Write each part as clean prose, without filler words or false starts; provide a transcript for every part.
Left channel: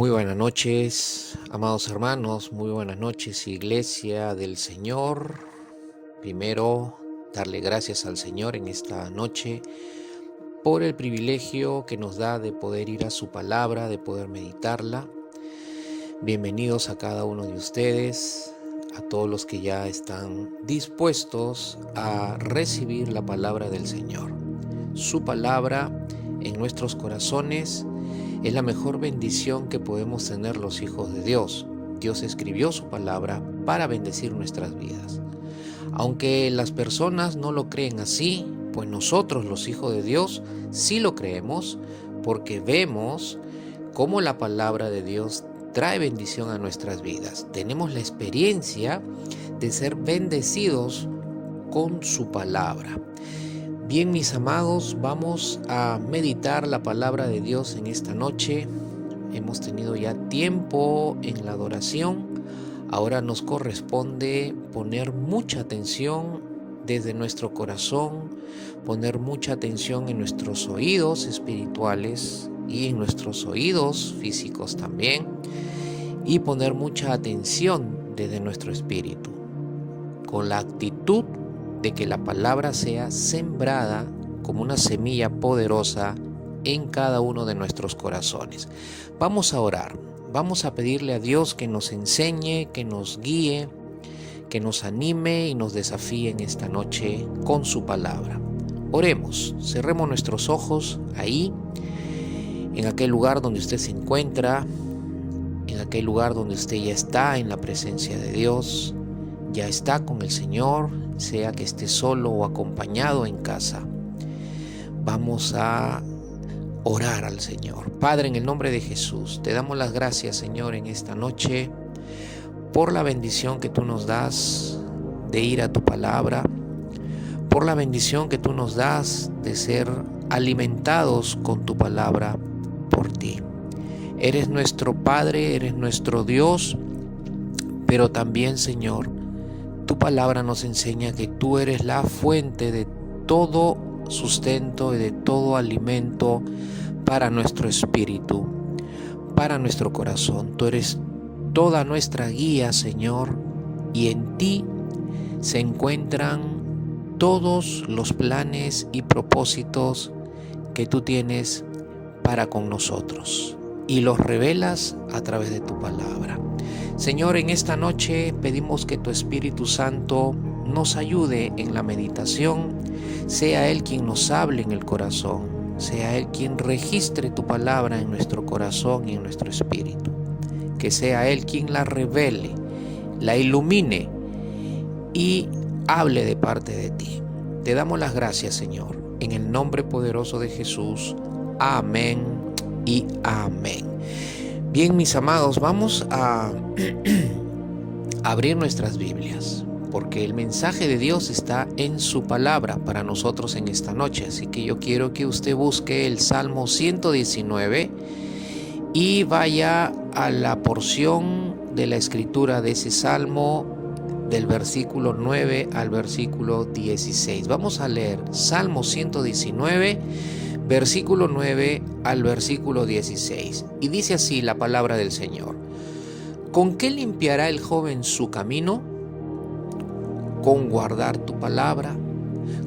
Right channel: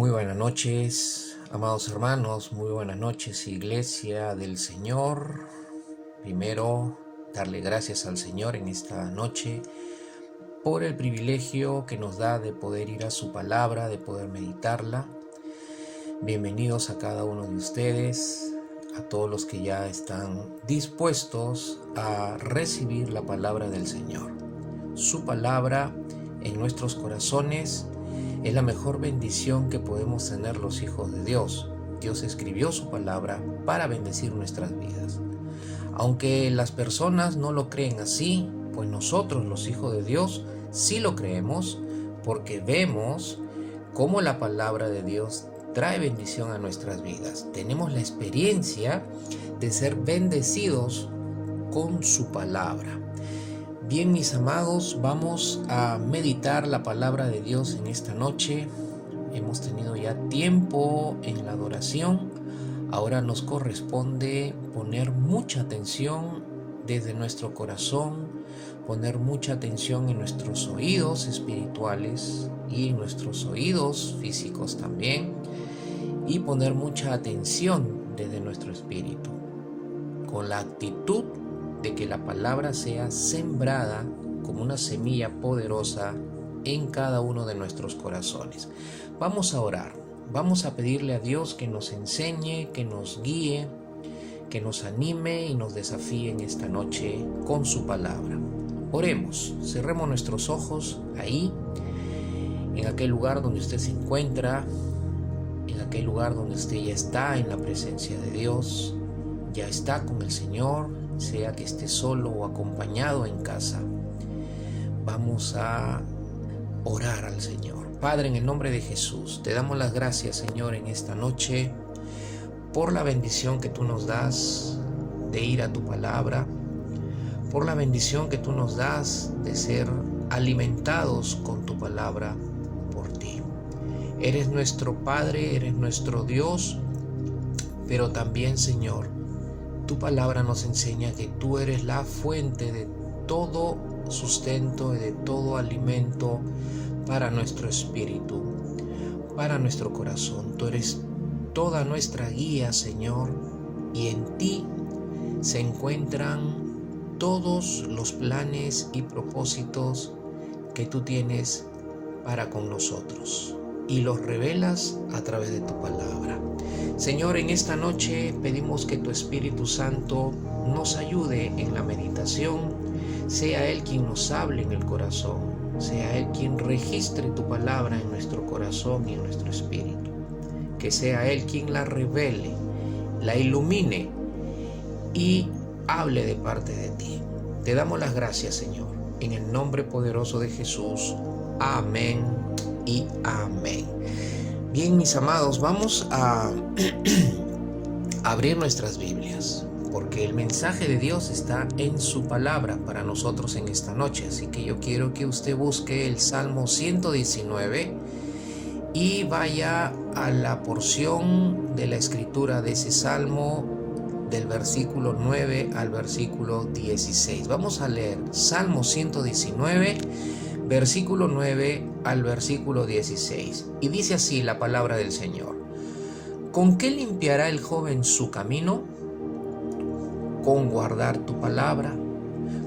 Muy buenas noches, amados hermanos, muy buenas noches, Iglesia del Señor. Primero, darle gracias al Señor en esta noche por el privilegio que nos da de poder ir a su palabra, de poder meditarla. Bienvenidos a cada uno de ustedes, a todos los que ya están dispuestos a recibir la palabra del Señor. Su palabra en nuestros corazones es la mejor bendición que podemos tener los hijos de Dios. Dios escribió su palabra para bendecir nuestras vidas. Aunque las personas no lo creen así, pues nosotros los hijos de Dios sí lo creemos porque vemos cómo la palabra de Dios trae bendición a nuestras vidas. Tenemos la experiencia de ser bendecidos con su palabra. Bien, mis amados, vamos a meditar la palabra de Dios en esta noche. Hemos tenido ya tiempo en la adoración. Ahora nos corresponde poner mucha atención desde nuestro corazón, poner mucha atención en nuestros oídos espirituales y en nuestros oídos físicos también, y poner mucha atención desde nuestro espíritu, con la actitud de que la palabra sea sembrada como una semilla poderosa en cada uno de nuestros corazones. Vamos a orar, vamos a pedirle a Dios que nos enseñe, que nos guíe, que nos anime y nos desafíe en esta noche con su palabra. Oremos, cerremos nuestros ojos ahí, en aquel lugar donde usted se encuentra, en aquel lugar donde usted ya está en la presencia de Dios, ya está con el Señor, sea que esté solo o acompañado en casa. Vamos a orar al Señor. Padre, en el nombre de Jesús, te damos las gracias, Señor, en esta noche por la bendición que tú nos das de ir a tu palabra, por la bendición que tú nos das de ser alimentados con tu palabra por ti. Eres nuestro Padre, eres nuestro Dios, pero también, Señor, tu palabra nos enseña que tú eres la fuente de todo sustento y de todo alimento para nuestro espíritu, para nuestro corazón. Tú eres toda nuestra guía, Señor, y en ti se encuentran todos los planes y propósitos que tú tienes para con nosotros, y los revelas a través de tu palabra. Señor, en esta noche pedimos que tu Espíritu Santo nos ayude en la meditación, sea Él quien nos hable en el corazón, sea Él quien registre tu palabra en nuestro corazón y en nuestro espíritu, que sea Él quien la revele, la ilumine y hable de parte de ti. Te damos las gracias, Señor, en el nombre poderoso de Jesús. Amén y amén. Bien, mis amados, vamos a abrir nuestras Biblias, porque el mensaje de Dios está en su palabra para nosotros en esta noche. Así que yo quiero que usted busque el Salmo 119 y vaya a la porción de la escritura de ese Salmo, del versículo 9 al versículo 16. Vamos a leer Salmo 119, versículo 9 al versículo 16. Y dice así la palabra del Señor: ¿Con qué limpiará el joven su camino? Con guardar tu palabra.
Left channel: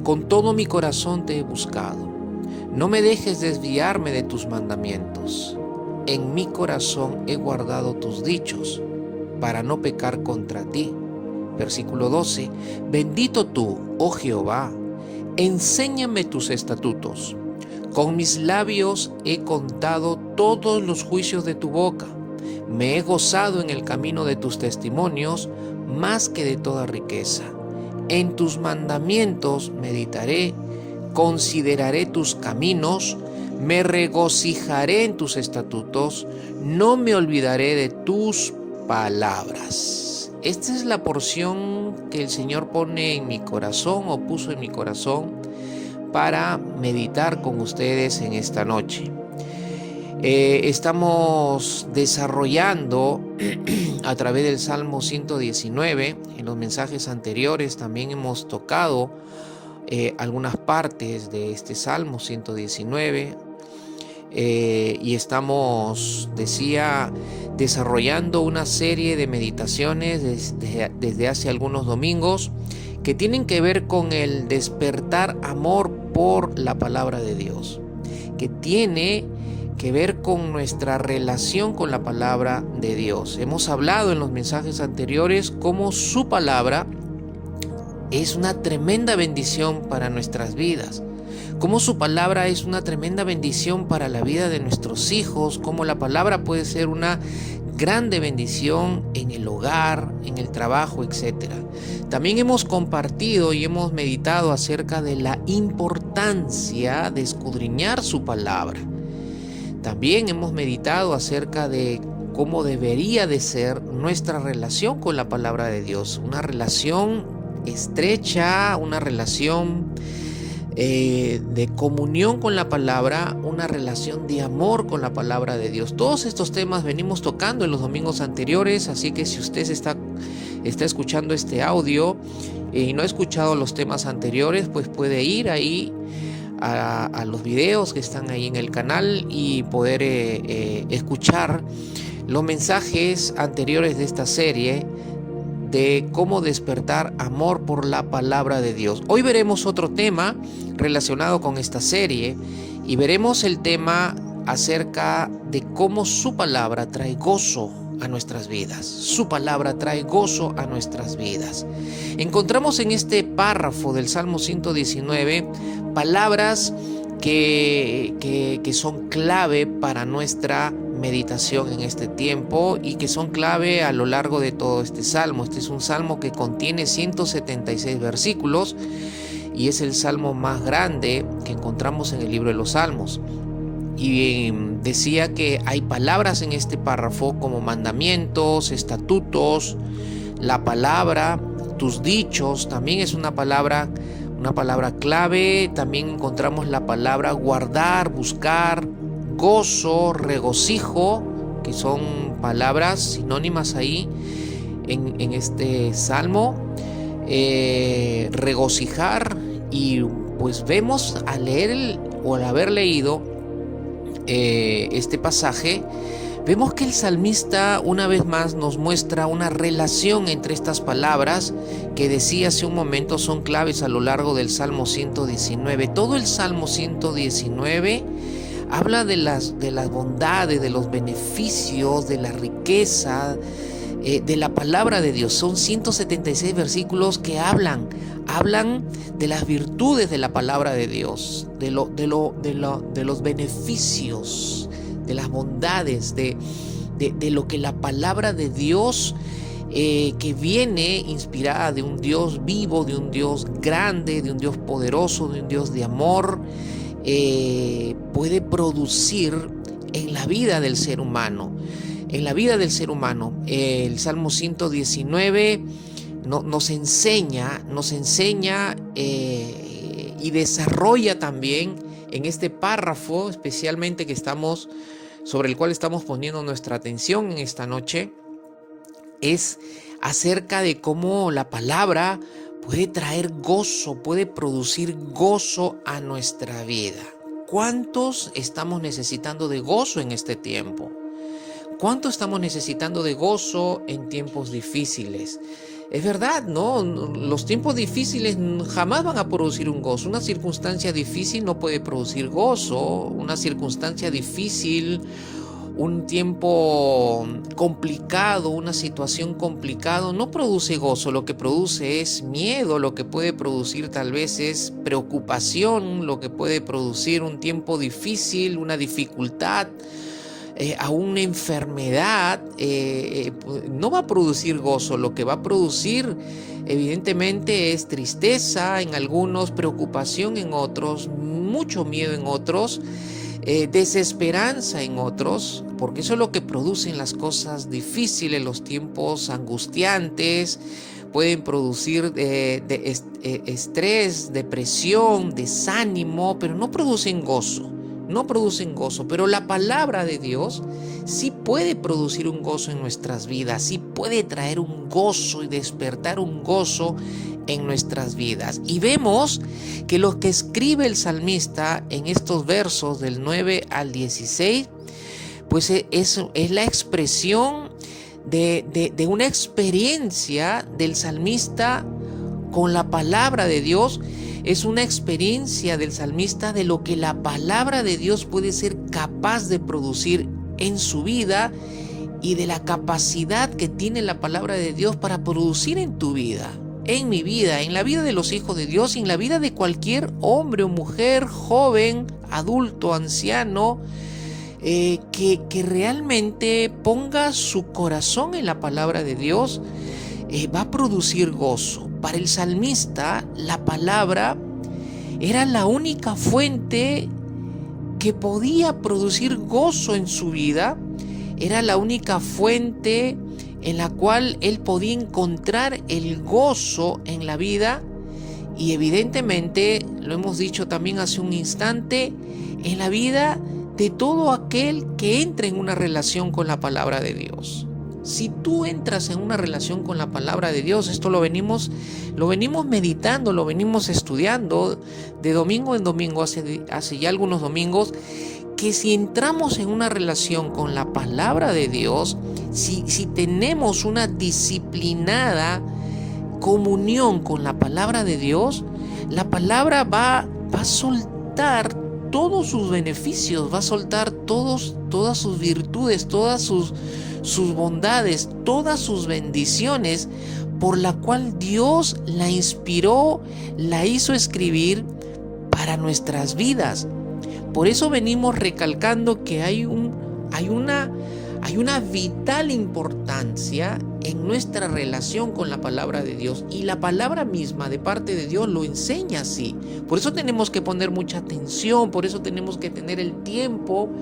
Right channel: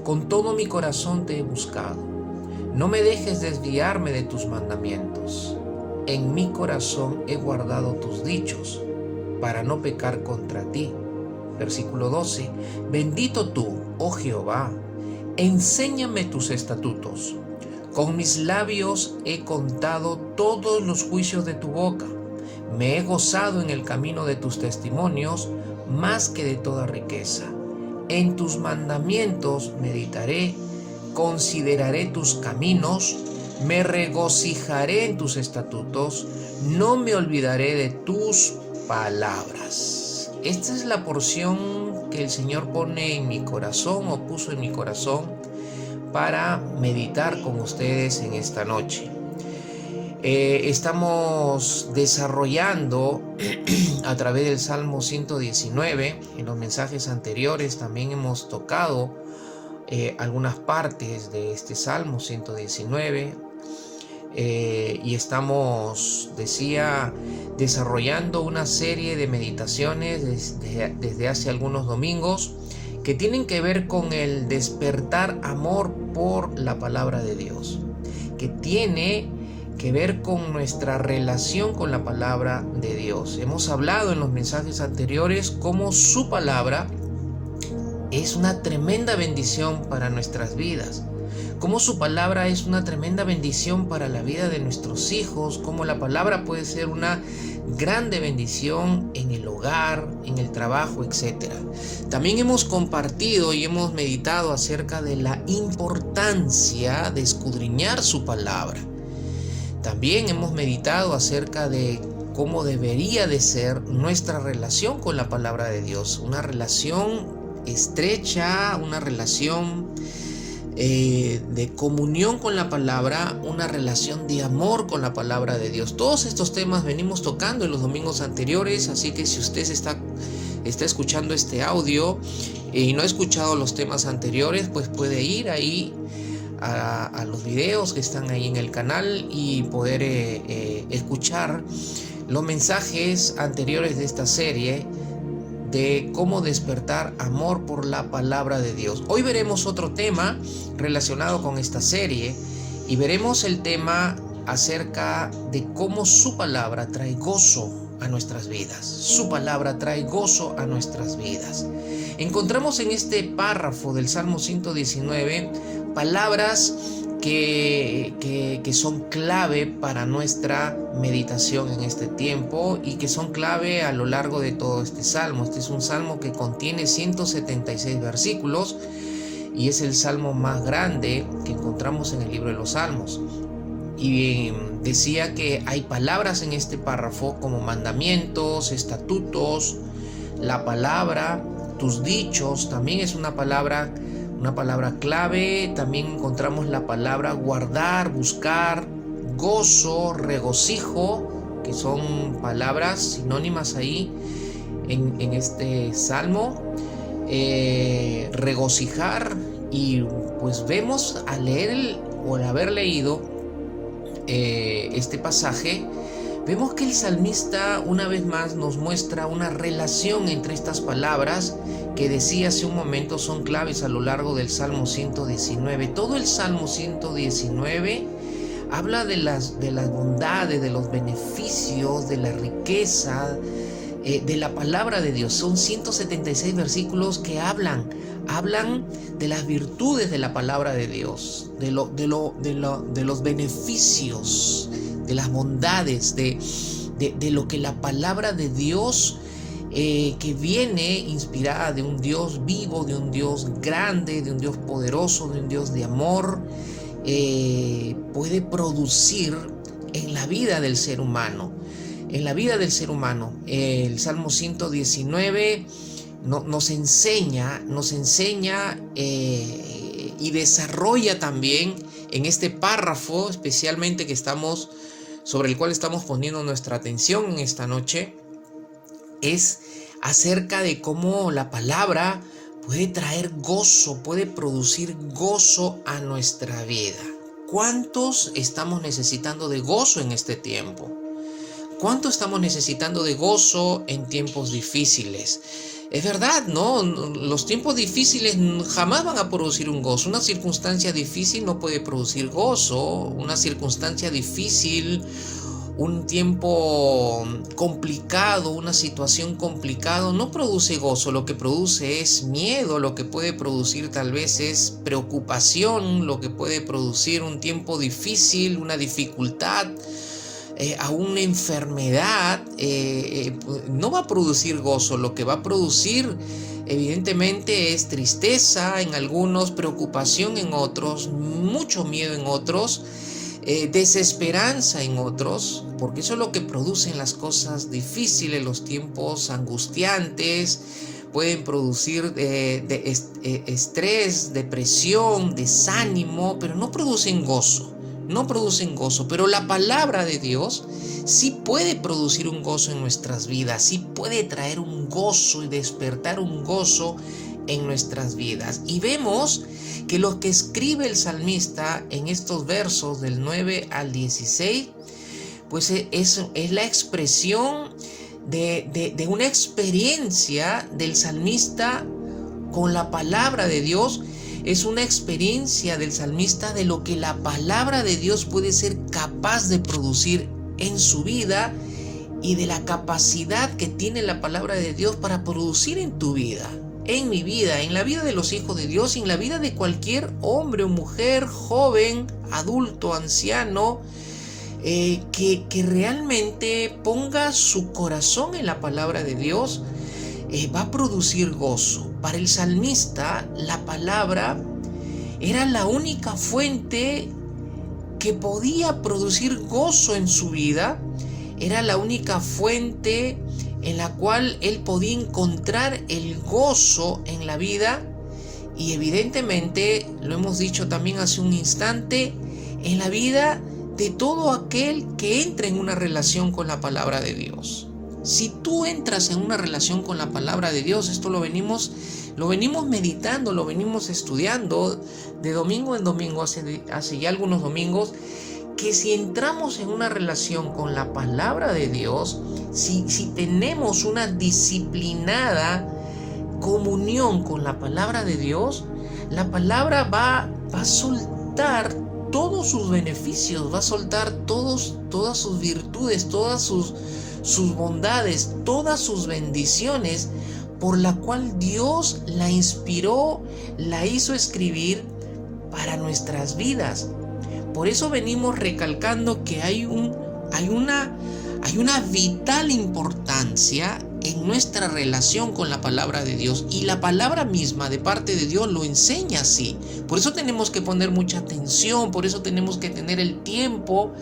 Con todo mi corazón te he buscado. No me dejes desviarme de tus mandamientos. En mi corazón he guardado tus dichos, para no pecar contra ti. Versículo 12. Bendito tú, oh Jehová, enséñame tus estatutos. Con mis labios he contado todos los juicios de tu boca. Me he gozado en el camino de tus testimonios más que de toda riqueza. En tus mandamientos meditaré, consideraré tus caminos, me regocijaré en tus estatutos, no me olvidaré de tus palabras. Esta es la porción que el Señor pone en mi corazón, o puso en mi corazón, para meditar con ustedes en esta noche. Estamos desarrollando a través del Salmo 119. En los mensajes anteriores también hemos tocado algunas partes de este Salmo 119. y estamos, decía, desarrollando una serie de meditaciones desde hace algunos domingos que tienen que ver con el despertar amor por la palabra de Dios, que tiene que ver con nuestra relación con la palabra de Dios. Hemos hablado en los mensajes anteriores cómo su palabra es una tremenda bendición para nuestras vidas, cómo su palabra es una tremenda bendición para la vida de nuestros hijos, cómo la palabra puede ser una grande bendición en el hogar, en el trabajo, etc. También hemos compartido y hemos meditado acerca de la importancia de escudriñar su palabra. También hemos meditado acerca de cómo debería de ser nuestra relación con la palabra de Dios, una relación estrecha, una relación de comunión con la palabra, una relación de amor con la palabra de Dios. Todos estos temas venimos tocando en los domingos anteriores, así que si usted está escuchando este audio y no ha escuchado los temas anteriores, pues puede ir ahí a los videos que están ahí en el canal y poder escuchar los mensajes anteriores de esta serie de cómo despertar amor por la palabra de Dios. Hoy veremos otro tema relacionado con esta serie y veremos el tema acerca de cómo su palabra trae gozo a nuestras vidas. Su palabra trae gozo a nuestras vidas. Encontramos en este párrafo del Salmo 119 palabras que son clave para nuestra meditación en este tiempo y que son clave a lo largo de todo este salmo. Este es un salmo que contiene 176 versículos y es el salmo más grande que encontramos en el libro de los Salmos. Y decía que hay palabras en este párrafo como mandamientos, estatutos, la palabra, tus dichos, también es una palabra clave. También encontramos la palabra guardar, buscar, gozo, regocijo, que son palabras sinónimas ahí en este salmo. Regocijar, y pues vemos al leer o al haber leído este pasaje, vemos que el salmista una vez más nos muestra una relación entre estas palabras que decía hace un momento son claves a lo largo del Salmo 119. Todo el Salmo 119 habla de las bondades, de los beneficios, de la riqueza, de la palabra de Dios. Son 176 versículos que hablan de las virtudes de la palabra de Dios, de los beneficios, de las bondades, de lo que la palabra de Dios, que viene inspirada de un Dios vivo, de un Dios grande, de un Dios poderoso, de un Dios de amor, puede producir en la vida del ser humano. En la vida del ser humano, el Salmo 119 nos enseña y desarrolla también en este párrafo, especialmente sobre el cual estamos poniendo nuestra atención en esta noche, es acerca de cómo la palabra puede traer gozo, puede producir gozo a nuestra vida. ¿Cuántos estamos necesitando de gozo en este tiempo? ¿Cuánto estamos necesitando de gozo en tiempos difíciles? Es verdad, ¿no? Los tiempos difíciles jamás van a producir un gozo. Una circunstancia difícil no puede producir gozo. Una circunstancia difícil, un tiempo complicado, una situación complicada no produce gozo. Lo que produce es miedo, lo que puede producir tal vez es preocupación, lo que puede producir un tiempo difícil, una dificultad, a una enfermedad, no va a producir gozo. Lo que va a producir evidentemente es tristeza en algunos, preocupación en otros, mucho miedo en otros, desesperanza en otros, porque eso es lo que producen las cosas difíciles. Los tiempos angustiantes pueden producir estrés, depresión, desánimo, pero no producen gozo. Pero la palabra de Dios sí puede producir un gozo en nuestras vidas, sí puede traer un gozo y despertar un gozo en nuestras vidas. Y vemos que lo que escribe el salmista en estos versos del 9 al 16, pues es la expresión de una experiencia del salmista con la palabra de Dios. Es una experiencia del salmista de lo que la palabra de Dios puede ser capaz de producir en su vida y de la capacidad que tiene la palabra de Dios para producir en tu vida, en mi vida, en la vida de los hijos de Dios y en la vida de cualquier hombre o mujer, joven, adulto, anciano, que realmente ponga su corazón en la palabra de Dios, va a producir gozo. Para el salmista, la palabra era la única fuente que podía producir gozo en su vida, era la única fuente en la cual él podía encontrar el gozo en la vida y evidentemente, lo hemos dicho también hace un instante, en la vida de todo aquel que entre en una relación con la palabra de Dios. Si tú entras en una relación con la palabra de Dios, esto lo venimos meditando, lo venimos estudiando de domingo en domingo, hace ya algunos domingos, que si entramos en una relación con la palabra de Dios, si tenemos una disciplinada comunión con la palabra de Dios, la palabra va a soltar todos sus beneficios, va a soltar todas sus virtudes, todas sus bondades, todas sus bendiciones, por la cual Dios la inspiró, la hizo escribir para nuestras vidas. Por eso venimos recalcando que hay una vital importancia en nuestra relación con la palabra de Dios, y la palabra misma de parte de Dios lo enseña así. Por eso tenemos que poner mucha atención, por eso tenemos que tener el tiempo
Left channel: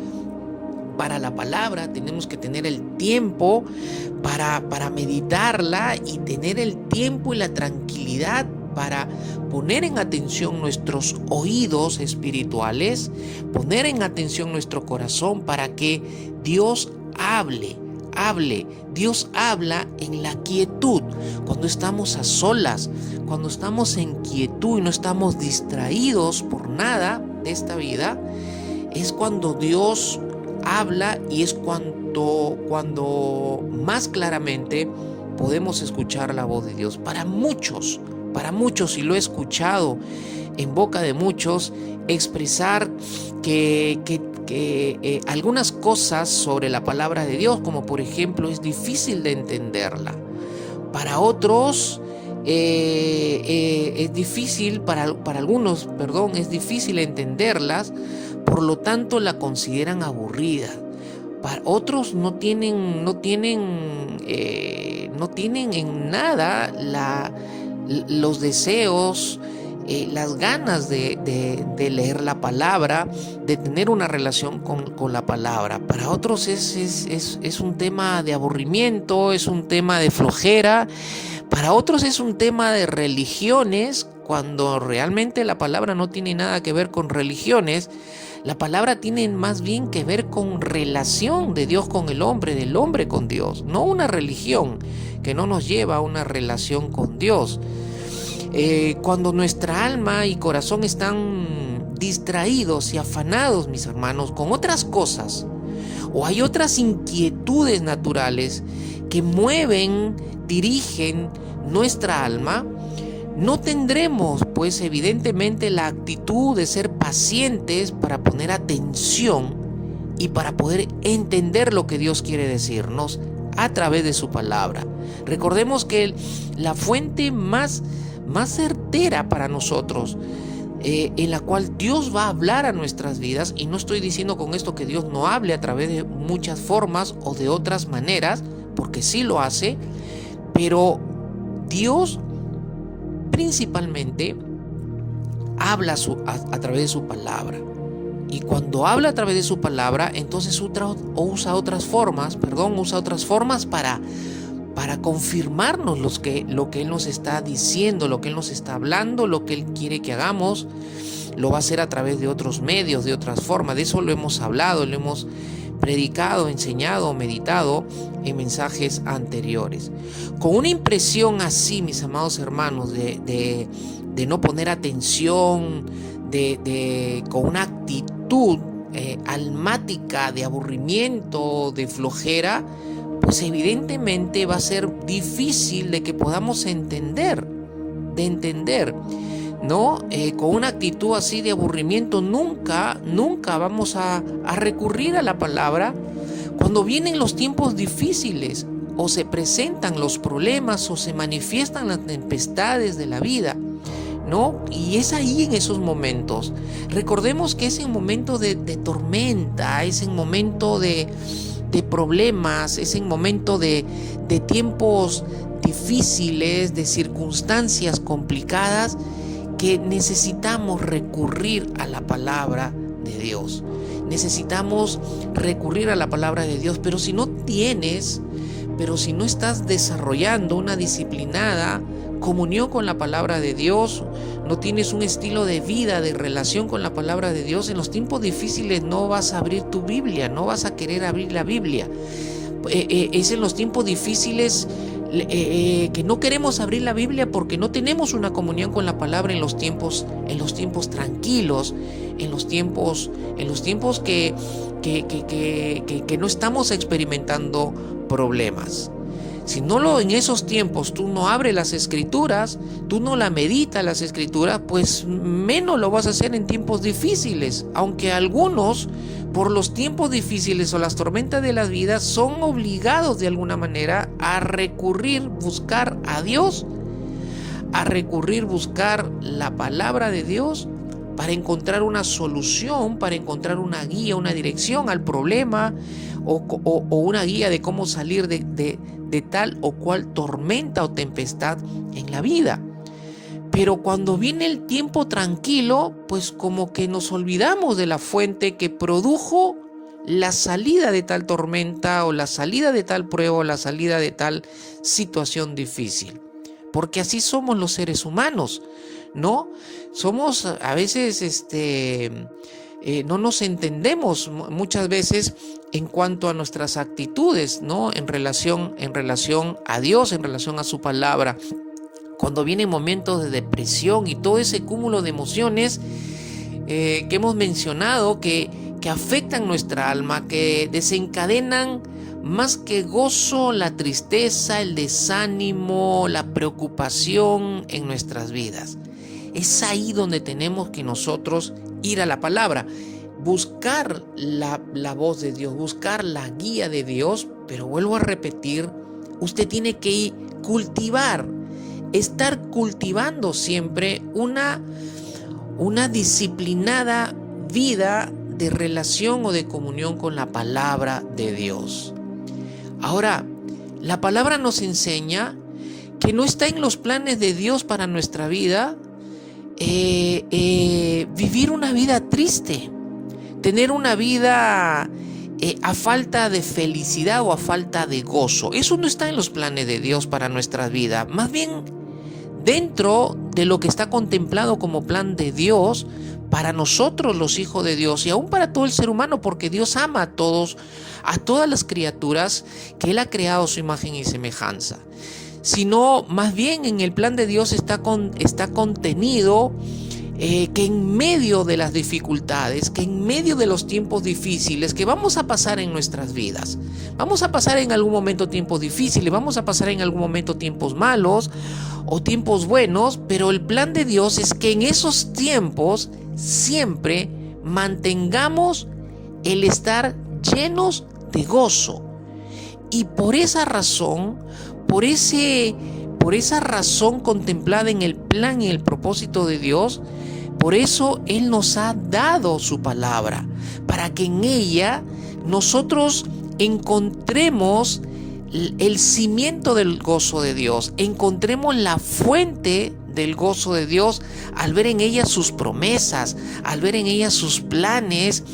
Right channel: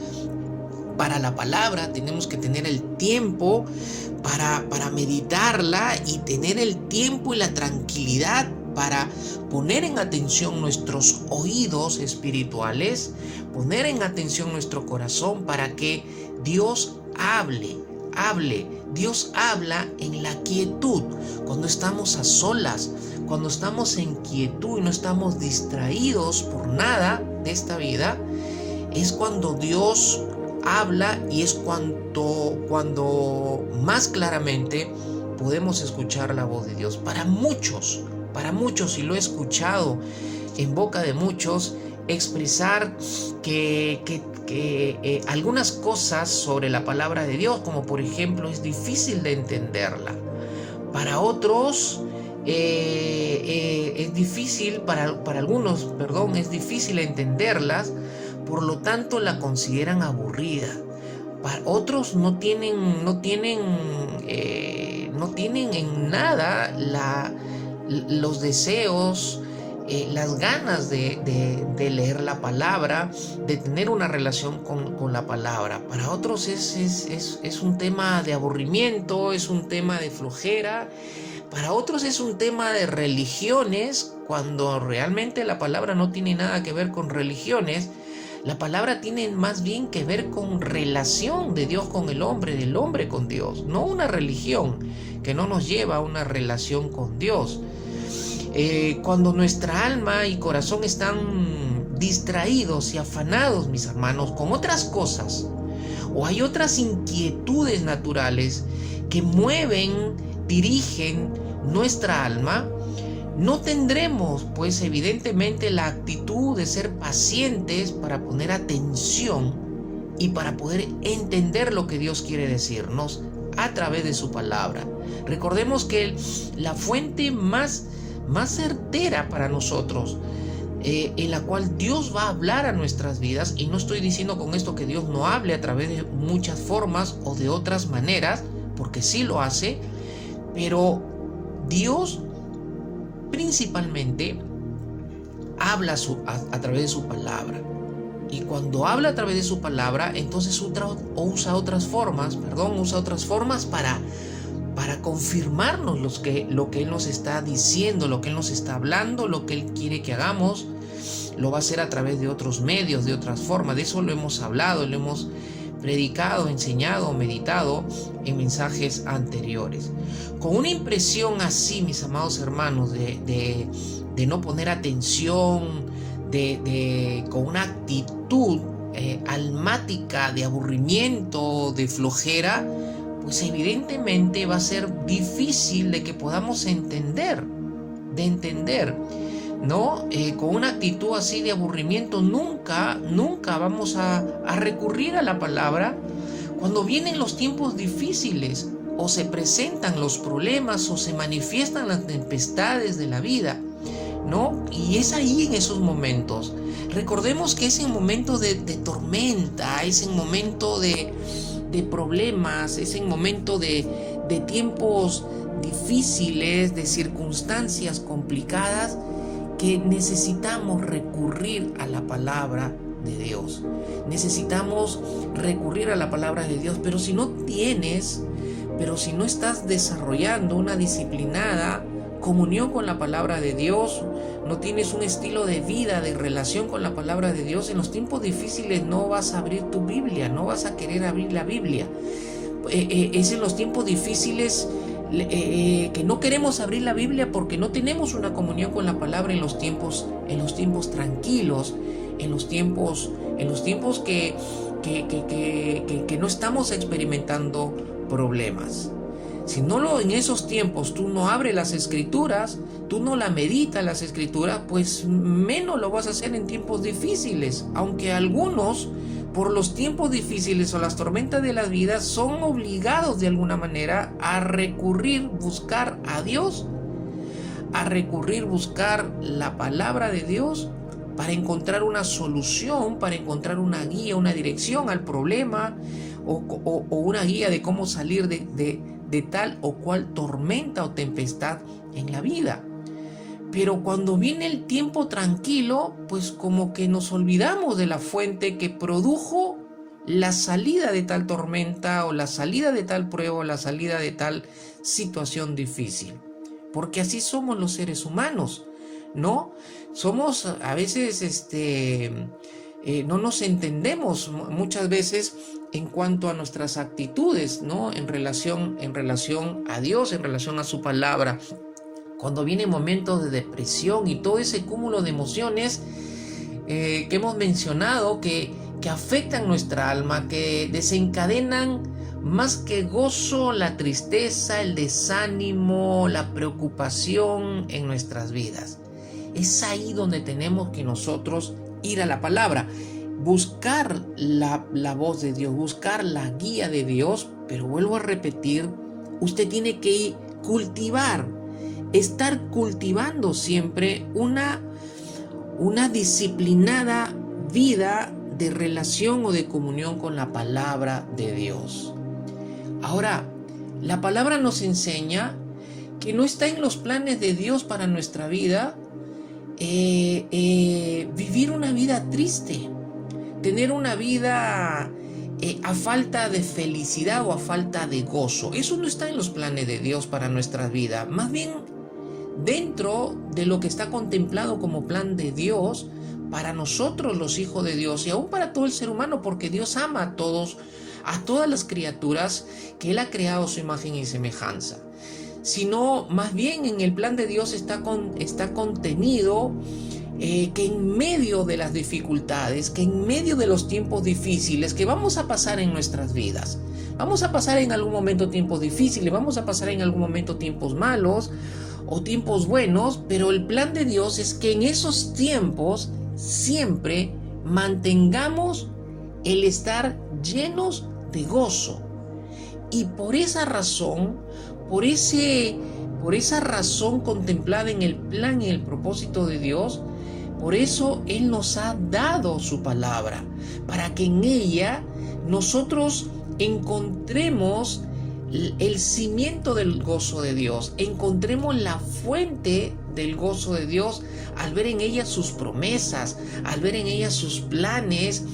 para la palabra, tenemos que tener el tiempo para meditarla y tener el tiempo y la tranquilidad para poner en atención nuestros oídos espirituales, poner en atención nuestro corazón para que Dios hable. Dios habla en la quietud, cuando estamos a solas, cuando estamos en quietud y no estamos distraídos por nada de esta vida, es cuando Dios habla y es cuando más claramente podemos escuchar la voz de Dios. Para muchos, y lo he escuchado en boca de muchos, expresar que algunas cosas sobre la palabra de Dios, como por ejemplo, es difícil de entenderla. Para otros es difícil, para algunos, es difícil entenderlas, por lo tanto la consideran aburrida. Para otros no tienen en nada los deseos, las ganas de leer la palabra, de tener una relación con la palabra. Para otros es un tema de aburrimiento, es un tema de flojera. Para otros es un tema de religiones, cuando realmente la palabra no tiene nada que ver con religiones. La palabra tiene más bien que ver con relación de Dios con el hombre, del hombre con Dios, no una religión que no nos lleva a una relación con Dios. Cuando nuestra alma y corazón están distraídos y afanados, mis hermanos, con otras cosas, o hay otras inquietudes naturales que mueven, dirigen nuestra alma, no tendremos, pues evidentemente, la actitud de ser pacientes para poner atención y para poder entender lo que Dios quiere decirnos a través de su palabra. Recordemos que la fuente más certera para nosotros, en la cual Dios va a hablar a nuestras vidas, y no estoy diciendo con esto que Dios no hable a través de muchas formas o de otras maneras, porque sí lo hace, pero Dios principalmente habla a través de su palabra. Y cuando habla a través de su palabra, entonces usa otras formas para confirmarnos lo que Él nos está diciendo, lo que Él nos está hablando, lo que Él quiere que hagamos. Lo va a hacer a través de otros medios, de otras formas. De eso lo hemos hablado, lo hemos predicado, enseñado, meditado en mensajes anteriores. Con una impresión así, mis amados hermanos, de no poner atención, con una actitud almática de aburrimiento, de flojera, pues evidentemente va a ser difícil de que podamos entender, ¿no? Con una actitud así de aburrimiento nunca vamos a recurrir a la palabra cuando vienen los tiempos difíciles o se presentan los problemas o se manifiestan las tempestades de la vida, ¿no? Y es ahí en esos momentos. Recordemos que es en momento de tormenta, es en momento de problemas, es en momento de tiempos difíciles, de circunstancias complicadas, que necesitamos recurrir a la palabra de Dios. Necesitamos recurrir a la palabra de Dios, pero si no estás desarrollando una disciplinada comunión con la palabra de Dios, no tienes un estilo de vida, de relación con la palabra de Dios, en los tiempos difíciles no vas a abrir tu Biblia, no vas a querer abrir la Biblia. Es en los tiempos difíciles que no queremos abrir la Biblia porque no tenemos una comunión con la palabra en los tiempos tranquilos, en los tiempos que no estamos experimentando problemas. Si en esos tiempos tú no abres las escrituras, tú no la meditas las escrituras, pues menos lo vas a hacer en tiempos difíciles, aunque algunos por los tiempos difíciles o las tormentas de la vida son obligados de alguna manera a buscar a Dios, buscar la palabra de Dios para encontrar una solución, para encontrar una guía, una dirección al problema o una guía de cómo salir de tal o cual tormenta o tempestad en la vida. Pero cuando viene el tiempo tranquilo, pues como que nos olvidamos de la fuente que produjo la salida de tal tormenta o la salida de tal prueba o la salida de tal situación difícil. Porque así somos los seres humanos, ¿no? Somos a veces, no nos entendemos muchas veces en cuanto a nuestras actitudes, ¿no? En relación a Dios, en relación a su palabra. Cuando vienen momentos de depresión y todo ese cúmulo de emociones que hemos mencionado que afectan nuestra alma, que desencadenan más que gozo, la tristeza, el desánimo, la preocupación en nuestras vidas. Es ahí donde tenemos que nosotros ir a la palabra, buscar la voz de Dios, buscar la guía de Dios, pero vuelvo a repetir, usted tiene que estar cultivando siempre una disciplinada vida de relación o de comunión con la palabra de Dios. Ahora, la palabra nos enseña que no está en los planes de Dios para nuestra vida vivir una vida triste, tener una vida a falta de felicidad o a falta de gozo. Eso no está en los planes de Dios para nuestra vida. Más bien, dentro de lo que está contemplado como plan de Dios para nosotros los hijos de Dios y aún para todo el ser humano, porque Dios ama a todas las criaturas que Él ha creado a su imagen y semejanza. Sino más bien en el plan de Dios está contenido que en medio de las dificultades, que en medio de los tiempos difíciles que vamos a pasar en nuestras vidas, vamos a pasar en algún momento tiempos difíciles, vamos a pasar en algún momento tiempos malos o tiempos buenos, pero el plan de Dios es que en esos tiempos siempre mantengamos el estar llenos de gozo. Y por esa razón, por esa razón contemplada en el plan y el propósito de Dios, por eso Él nos ha dado su palabra, para que en ella nosotros encontremos el cimiento del gozo de Dios, encontremos la fuente del gozo de Dios al ver en ella sus promesas, al ver en ella sus planes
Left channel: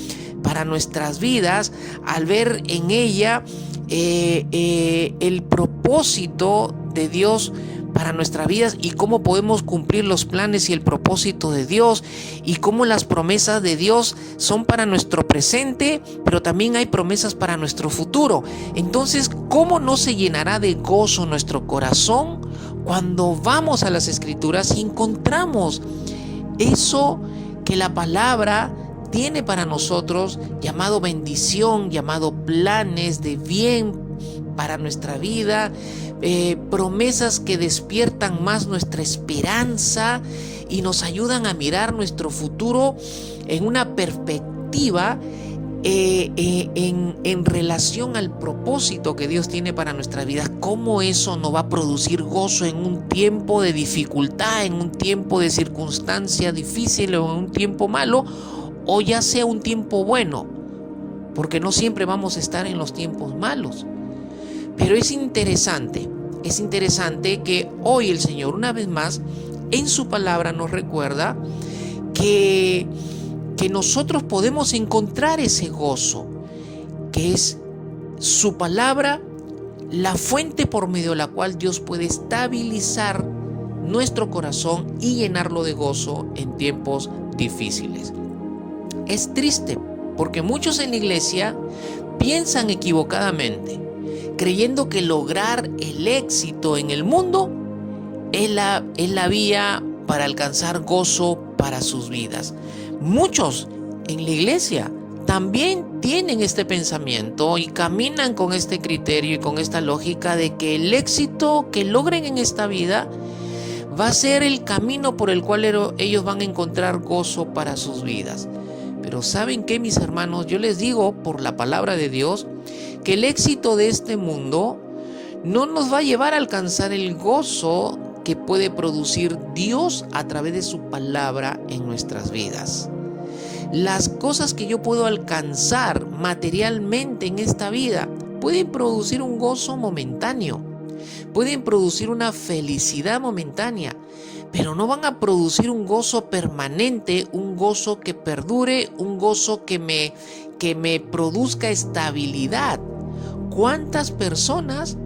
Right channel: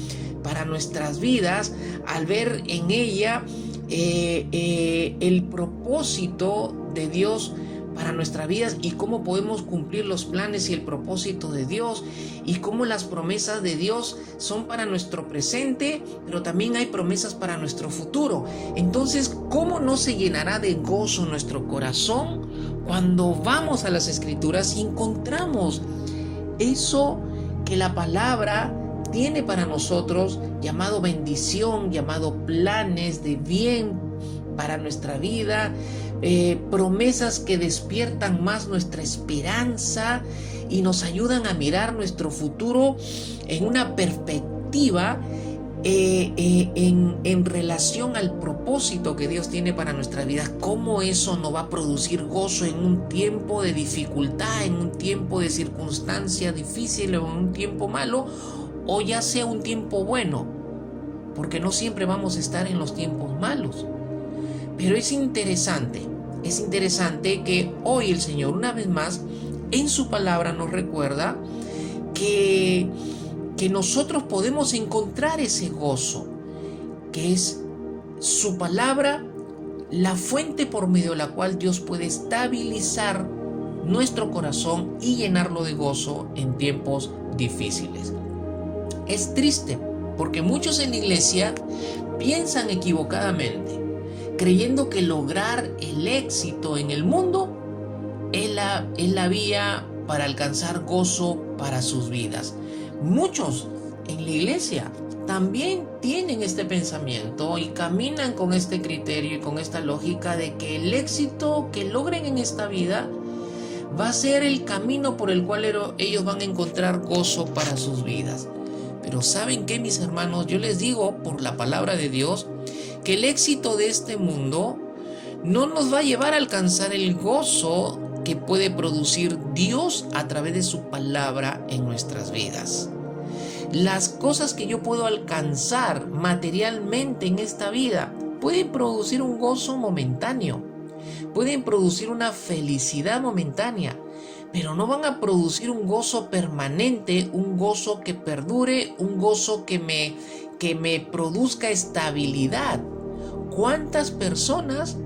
para nuestras vidas, al ver en ella el propósito de Dios para nuestras vidas y cómo podemos cumplir los planes y el propósito de Dios y cómo las promesas de Dios son para nuestro presente, pero también hay promesas para nuestro futuro. Entonces, ¿cómo no se llenará de gozo nuestro corazón cuando vamos a las Escrituras y encontramos eso que la palabra tiene para nosotros, llamado bendición, llamado planes de bien para nuestra vida, promesas que despiertan más nuestra esperanza y nos ayudan a mirar nuestro futuro en una perspectiva en relación al propósito que Dios tiene para nuestra vida? ¿Cómo eso nos va a producir gozo en un tiempo de dificultad, en un tiempo de circunstancia difícil o en un tiempo malo, o ya sea un tiempo bueno? Porque no siempre vamos a estar en los tiempos malos. Pero es interesante que hoy el Señor una vez más en su palabra nos recuerda que nosotros podemos encontrar ese gozo, que es su palabra, la fuente por medio de la cual Dios puede estabilizar nuestro corazón y llenarlo de gozo en tiempos difíciles. Es triste porque muchos en la iglesia piensan equivocadamente, creyendo que lograr el éxito en el mundo es la vía para alcanzar gozo para sus vidas. Muchos en la iglesia también tienen este pensamiento y caminan con este criterio y con esta lógica de que el éxito que logren en esta vida va a ser el camino por el cual ellos van a encontrar gozo para sus vidas. Pero ¿saben qué, mis hermanos? Yo les digo por la palabra de Dios que el éxito de este mundo no nos va a llevar a alcanzar el gozo que puede producir Dios a través de su palabra en nuestras vidas. Las cosas que yo puedo alcanzar materialmente en esta vida pueden producir un gozo momentáneo, pueden producir una felicidad momentánea, pero no van a producir un gozo permanente, un gozo que perdure, un gozo que me produzca estabilidad. ¿Cuántas personas,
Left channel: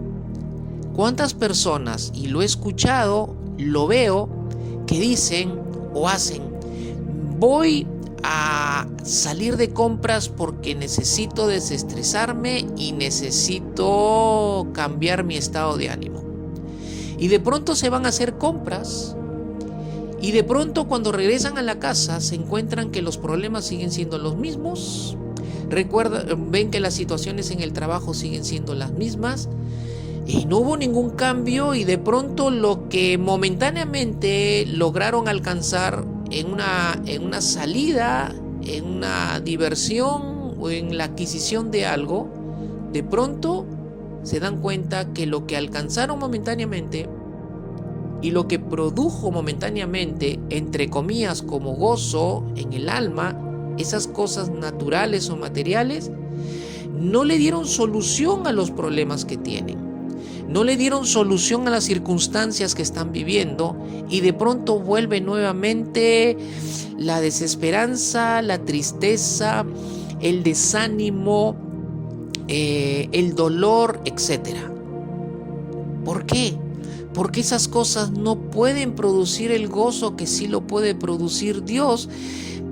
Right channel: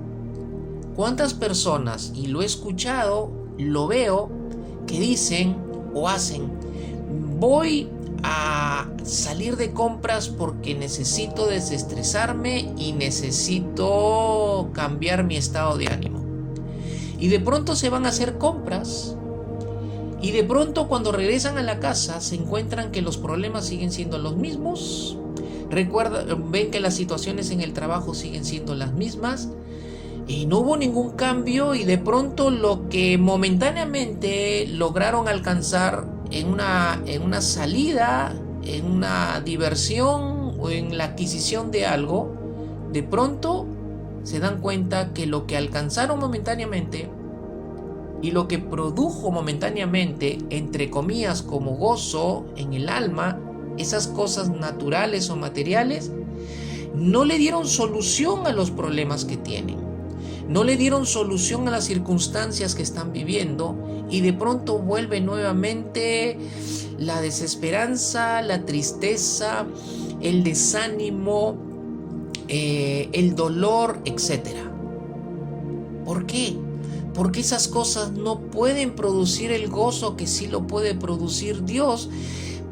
y lo he escuchado, lo veo, que dicen o hacen: voy a salir de compras porque necesito desestresarme y necesito cambiar mi estado de ánimo? Y de pronto se van a hacer compras y de pronto cuando regresan a la casa se encuentran que los problemas siguen siendo los mismos. Ven que las situaciones en el trabajo siguen siendo las mismas y no hubo ningún cambio, y de pronto lo que momentáneamente lograron alcanzar en una salida, en una diversión o en la adquisición de algo, de pronto se dan cuenta que lo que alcanzaron momentáneamente y lo que produjo momentáneamente, entre comillas, como gozo en el alma, esas cosas naturales o materiales, no le dieron solución a los problemas que tienen, no le dieron solución a las circunstancias que están viviendo, y de pronto vuelve nuevamente la desesperanza, la tristeza, el desánimo, el dolor, etc. ¿Por qué? Porque esas cosas no pueden producir el gozo que sí lo puede producir Dios,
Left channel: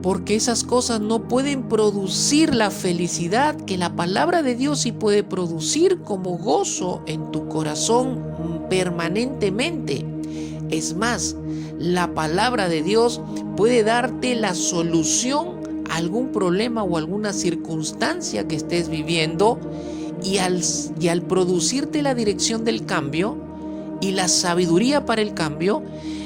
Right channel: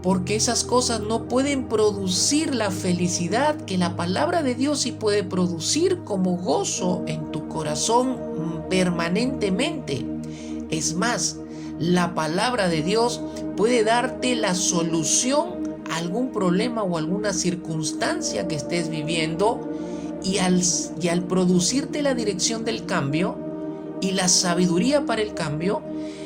porque esas cosas no pueden producir la felicidad que la palabra de Dios sí puede producir como gozo en tu corazón permanentemente. Es más, la palabra de Dios puede darte la solución a algún problema o alguna circunstancia que estés viviendo, y al producirte la dirección del cambio y la sabiduría para el cambio,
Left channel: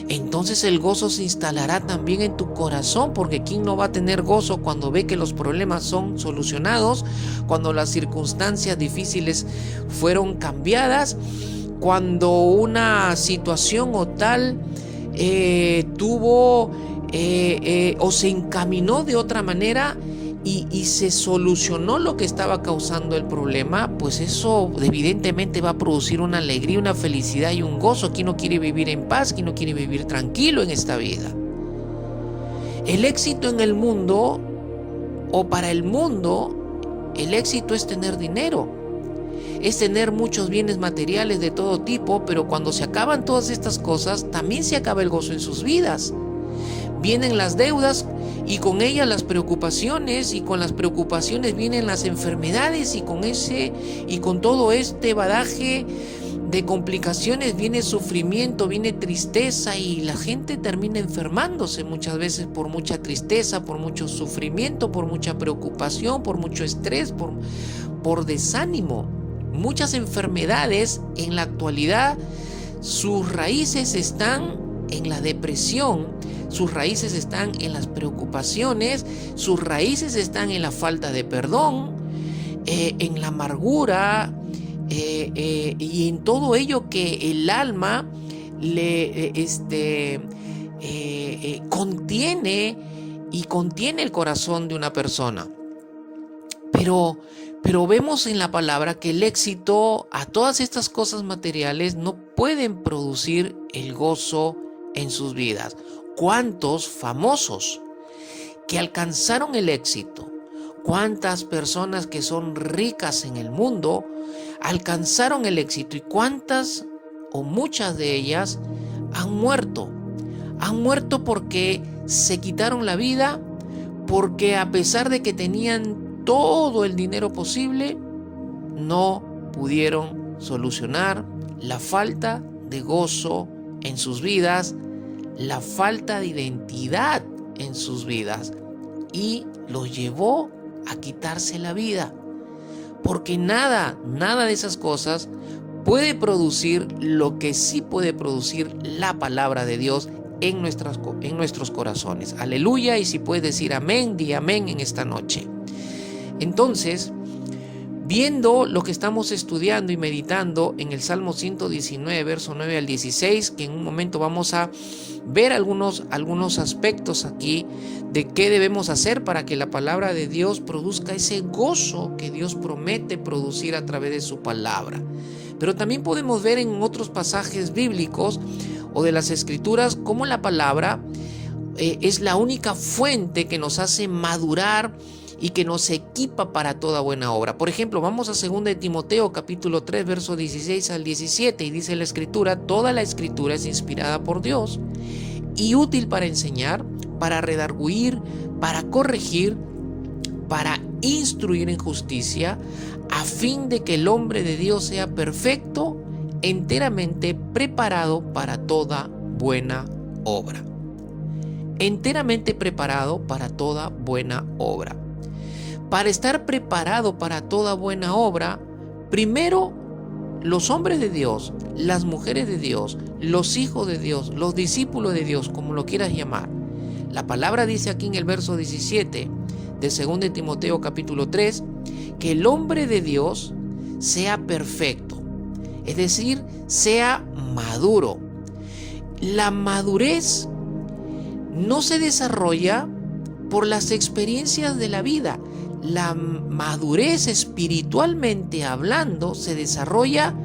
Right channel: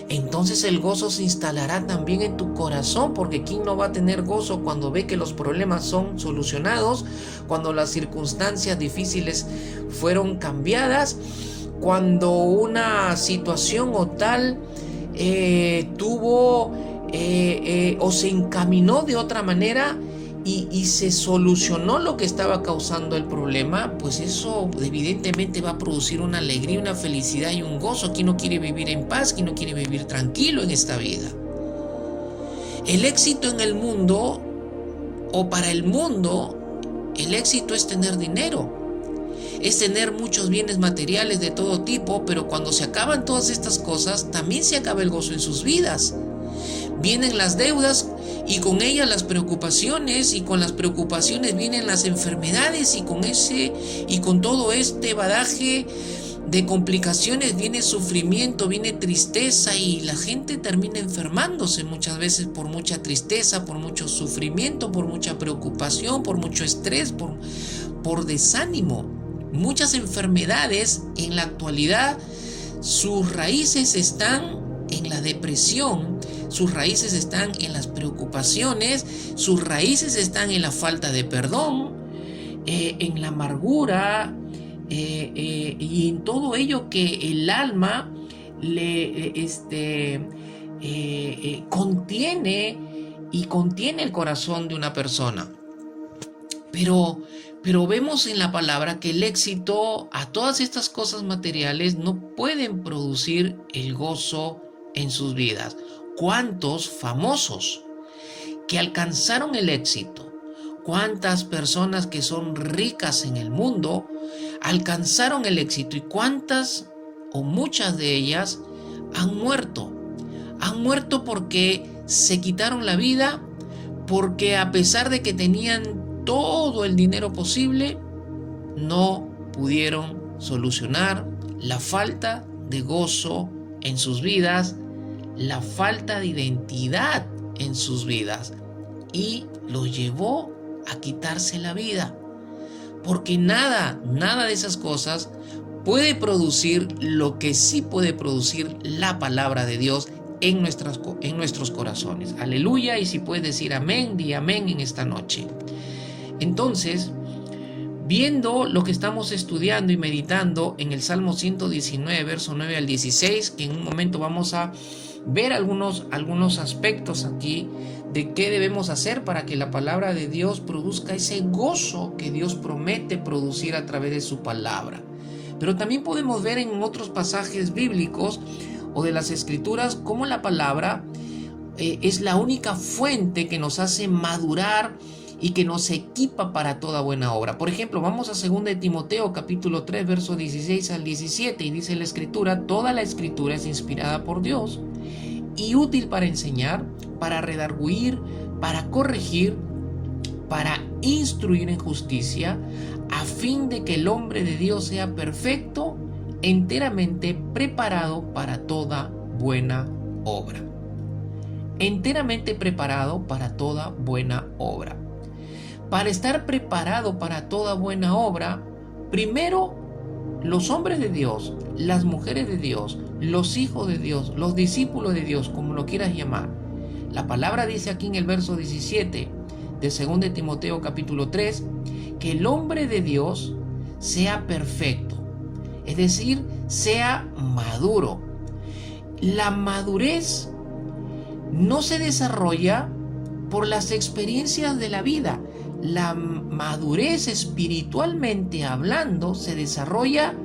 entonces el gozo se instalará también en tu corazón, porque ¿quién no va a tener gozo cuando ve que los problemas son solucionados, cuando las circunstancias difíciles fueron cambiadas, cuando una situación o tal tuvo o se encaminó de otra manera y se solucionó lo que estaba causando el problema? Pues eso evidentemente va a producir una alegría, una felicidad y un gozo. ¿Quién no quiere vivir en paz? ¿Quién no quiere vivir tranquilo en esta vida? El éxito en el mundo, o para el mundo, el éxito es tener dinero. es tener muchos bienes materiales de todo tipo, pero cuando se acaban todas estas cosas, también se acaba el gozo en sus vidas. Vienen las deudas y con ellas las preocupaciones, y con las preocupaciones vienen las enfermedades, y con todo este badaje de complicaciones viene sufrimiento, viene tristeza, y la gente termina enfermándose muchas veces por mucha tristeza, por mucho sufrimiento, por mucha preocupación, por mucho estrés, por desánimo. Muchas enfermedades en la actualidad, sus raíces están en la depresión, sus raíces están en las preocupaciones, sus raíces están en la falta de perdón, en la amargura, y en todo ello que el alma contiene, y contiene el corazón de una persona. Pero vemos en la palabra que el éxito, a todas estas cosas materiales, no pueden producir el gozo en sus vidas. ¿Cuántos famosos que alcanzaron el éxito? ¿Cuántas personas que son ricas en el mundo alcanzaron el éxito? ¿Y cuántas o muchas de ellas han muerto? Han muerto porque se quitaron la vida, porque a pesar de que tenían todo el dinero posible, no pudieron solucionar la falta de gozo en sus vidas, la falta de identidad en sus vidas, y los llevó a quitarse la vida. Porque nada de esas cosas puede producir lo que sí puede producir la palabra de Dios en nuestros corazones. Aleluya. Y si puedes decir amén, di amén en esta noche. Entonces, viendo lo que estamos estudiando y meditando en el Salmo 119, verso 9 al 16, que en un momento vamos a ver algunos aspectos aquí de qué debemos hacer para que la palabra de Dios produzca ese gozo que Dios promete producir a través de su palabra. Pero también podemos ver en otros pasajes bíblicos o de las Escrituras cómo la palabra es la única fuente que nos hace madurar y que nos equipa para toda buena obra. Por ejemplo, vamos a 2 de Timoteo capítulo 3, verso 16 al 17, y dice la Escritura: toda la Escritura es inspirada por Dios y útil para enseñar, para redarguir, para corregir, para instruir en justicia, a fin de que el hombre de Dios sea perfecto, enteramente preparado para toda buena obra. Enteramente preparado para toda buena obra. Para estar preparado para toda buena obra, primero los hombres de Dios, las mujeres de Dios, los hijos de Dios, los discípulos de Dios, como lo quieras llamar. La palabra dice aquí en el verso 17 de 2 de Timoteo capítulo 3, que el hombre de Dios sea perfecto, es decir, sea maduro. La madurez no se desarrolla por las experiencias de la vida. La madurez, espiritualmente hablando, se desarrolla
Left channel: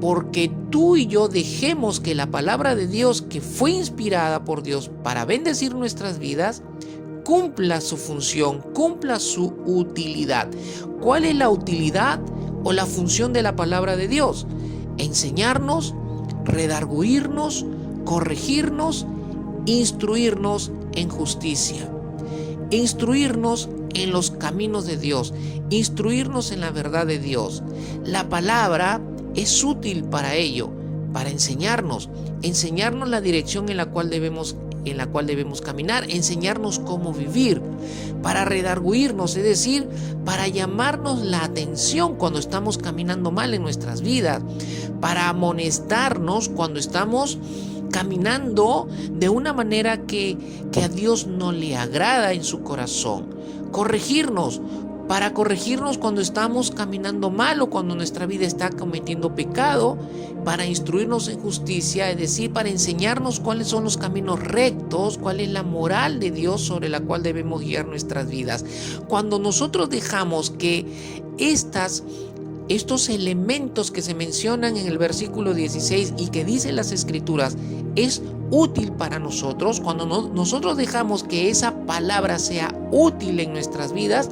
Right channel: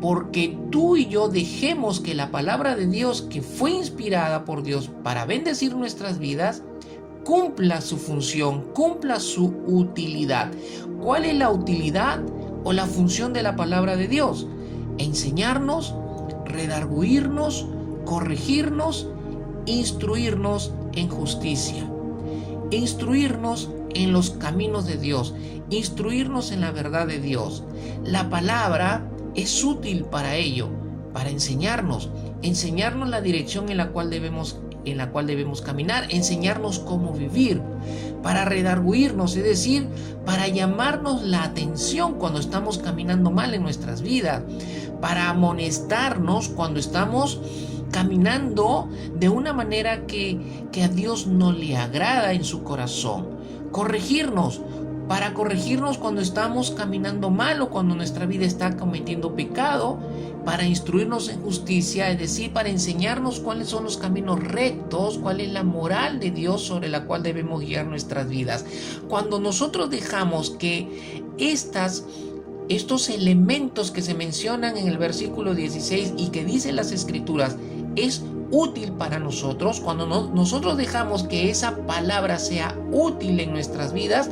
porque tú y yo dejemos que la palabra de Dios, que fue inspirada por Dios para bendecir nuestras vidas, cumpla su función, cumpla su utilidad. ¿Cuál es la utilidad o la función de la palabra de Dios? Enseñarnos, redarguirnos, corregirnos, instruirnos en justicia, instruirnos en los caminos de Dios, instruirnos en la verdad de Dios. La palabra es útil para ello, para enseñarnos la dirección en la cual debemos caminar, enseñarnos cómo vivir, para redarguirnos, es decir, para llamarnos la atención cuando estamos caminando mal en nuestras vidas, para amonestarnos cuando estamos caminando de una manera que a Dios no le agrada en su corazón. Corregirnos, para corregirnos cuando estamos caminando mal o cuando nuestra vida está cometiendo pecado, para instruirnos en justicia, es decir, para enseñarnos cuáles son los caminos rectos, cuál es la moral de Dios sobre la cual debemos guiar nuestras vidas. Cuando nosotros dejamos que estos elementos que se mencionan en el versículo 16 y que dicen las Escrituras es útil para nosotros, cuando nosotros dejamos que esa palabra sea útil en nuestras vidas,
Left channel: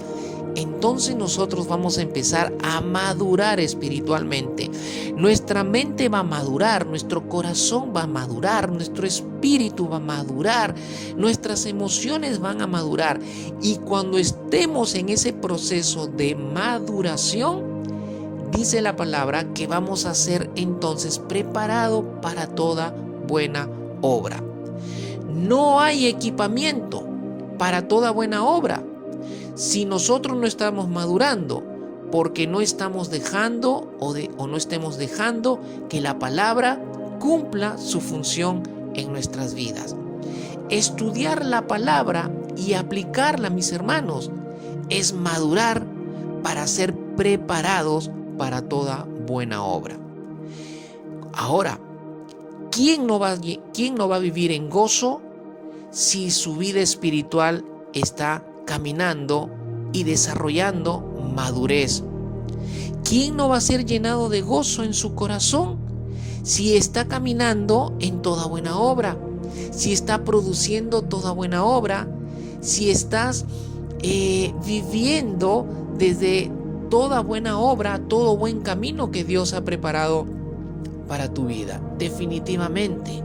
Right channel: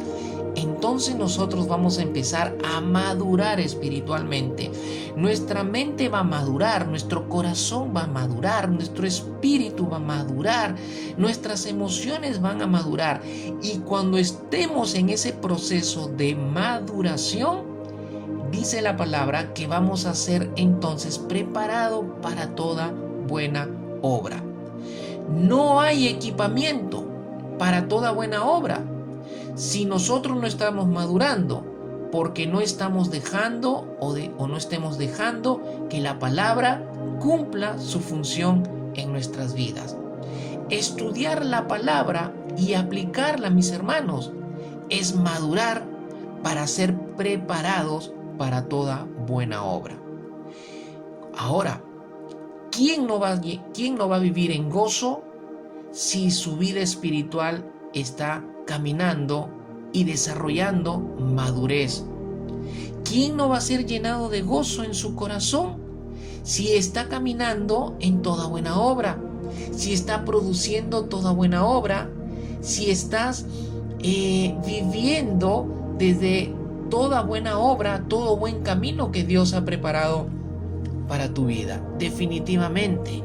entonces nosotros vamos a empezar a madurar espiritualmente. Nuestra mente va a madurar, nuestro corazón va a madurar, nuestro espíritu va a madurar, nuestras emociones van a madurar. Y cuando estemos en ese proceso de maduración, dice la palabra que vamos a ser entonces preparados para toda buena obra. No hay equipamiento para toda buena obra si nosotros no estamos madurando, porque no estamos dejando o no estemos dejando que la palabra cumpla su función en nuestras vidas. Estudiar la palabra y aplicarla, mis hermanos, es madurar para ser preparados para toda buena obra. Ahora, ¿quién no va a vivir en gozo si su vida espiritual está caminando y desarrollando madurez? ¿Quién no va a ser llenado de gozo en su corazón si está caminando en toda buena obra? Si está produciendo toda buena obra, si estás viviendo desde toda buena obra, todo buen camino que Dios ha preparado para tu vida. Definitivamente,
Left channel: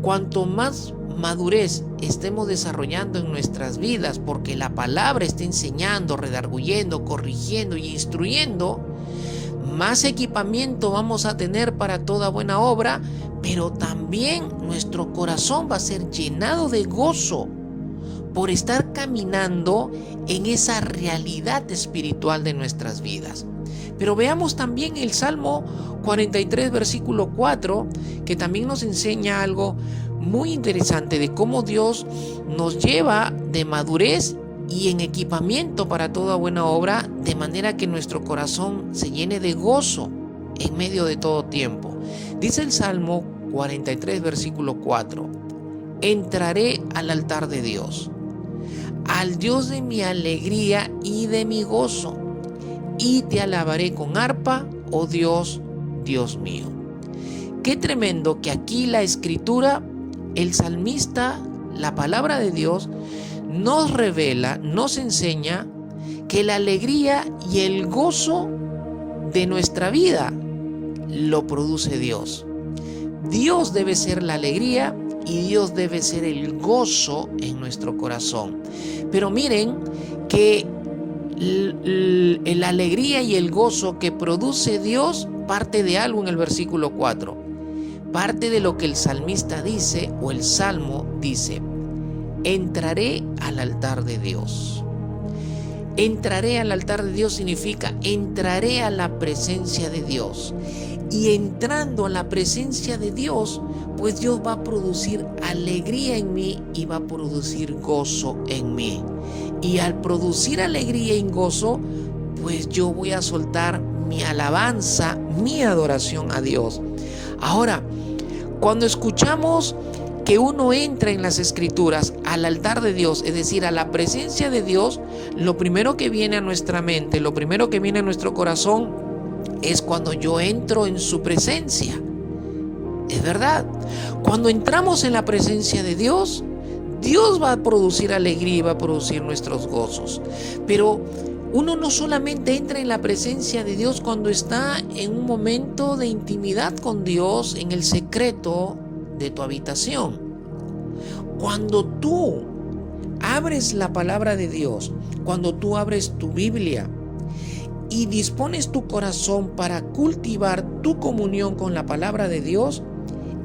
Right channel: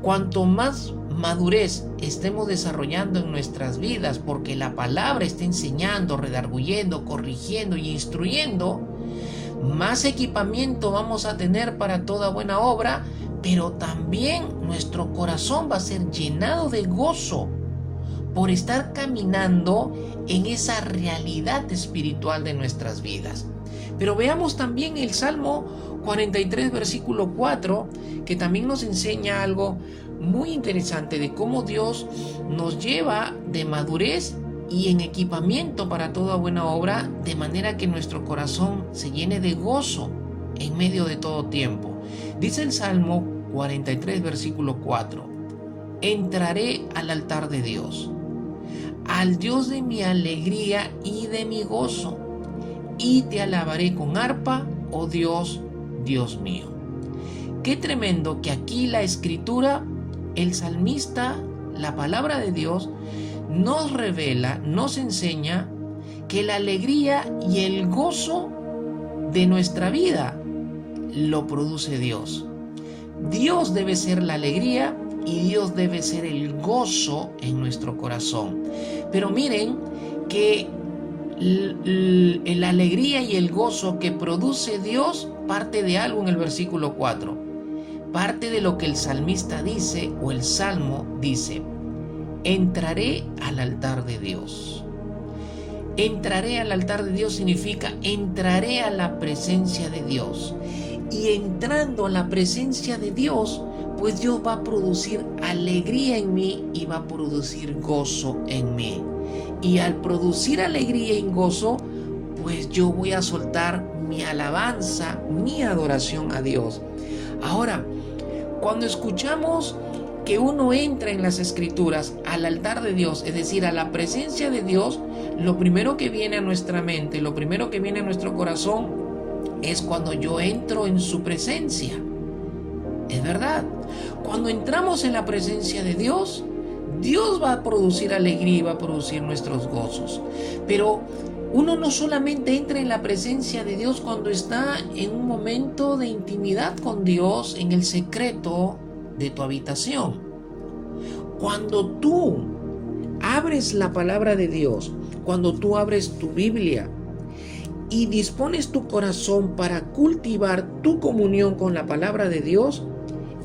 cuanto más madurez estemos desarrollando en nuestras vidas, porque la palabra está enseñando, redarguyendo, corrigiendo y instruyendo, más equipamiento vamos a tener para toda buena obra, pero también nuestro corazón va a ser llenado de gozo por estar caminando en esa realidad espiritual de nuestras vidas. Pero veamos también el Salmo 43, versículo 4, que también nos enseña algo muy interesante de cómo Dios nos lleva de madurez y en equipamiento para toda buena obra, de manera que nuestro corazón se llene de gozo en medio de todo tiempo. Dice el Salmo 43, versículo 4, entraré al altar de Dios, al Dios de mi alegría y de mi gozo, y te alabaré con arpa, oh Dios, Dios mío. Qué tremendo que aquí la escritura, el salmista, la palabra de Dios, nos revela, nos enseña que la alegría y el gozo de nuestra vida lo produce Dios. Dios debe ser la alegría y Dios debe ser el gozo en nuestro corazón. Pero miren que la alegría y el gozo que produce Dios parte de algo en el versículo 4. Parte de lo que el salmista dice o el salmo dice: entraré al altar de Dios. Entraré al altar de Dios significa entraré a la presencia de Dios. Y entrando a la presencia de Dios, pues Dios va a producir alegría en mí y va a producir gozo en mí. Y al producir alegría y gozo, pues yo voy a soltar mi alabanza, mi adoración a Dios. Ahora, cuando escuchamos que uno entra en las escrituras al altar de Dios, es decir, a la presencia de Dios, lo primero que viene a nuestra mente, lo primero que viene a nuestro corazón es cuando yo entro en su presencia. Es verdad, cuando entramos en la presencia de Dios, Dios va a producir alegría y va a producir nuestros gozos. Pero uno no solamente entra en la presencia de Dios cuando está en un momento de intimidad con Dios, en el secreto de tu habitación. Cuando tú abres la palabra de Dios, cuando tú abres tu Biblia y dispones tu corazón para cultivar tu comunión con la palabra de Dios,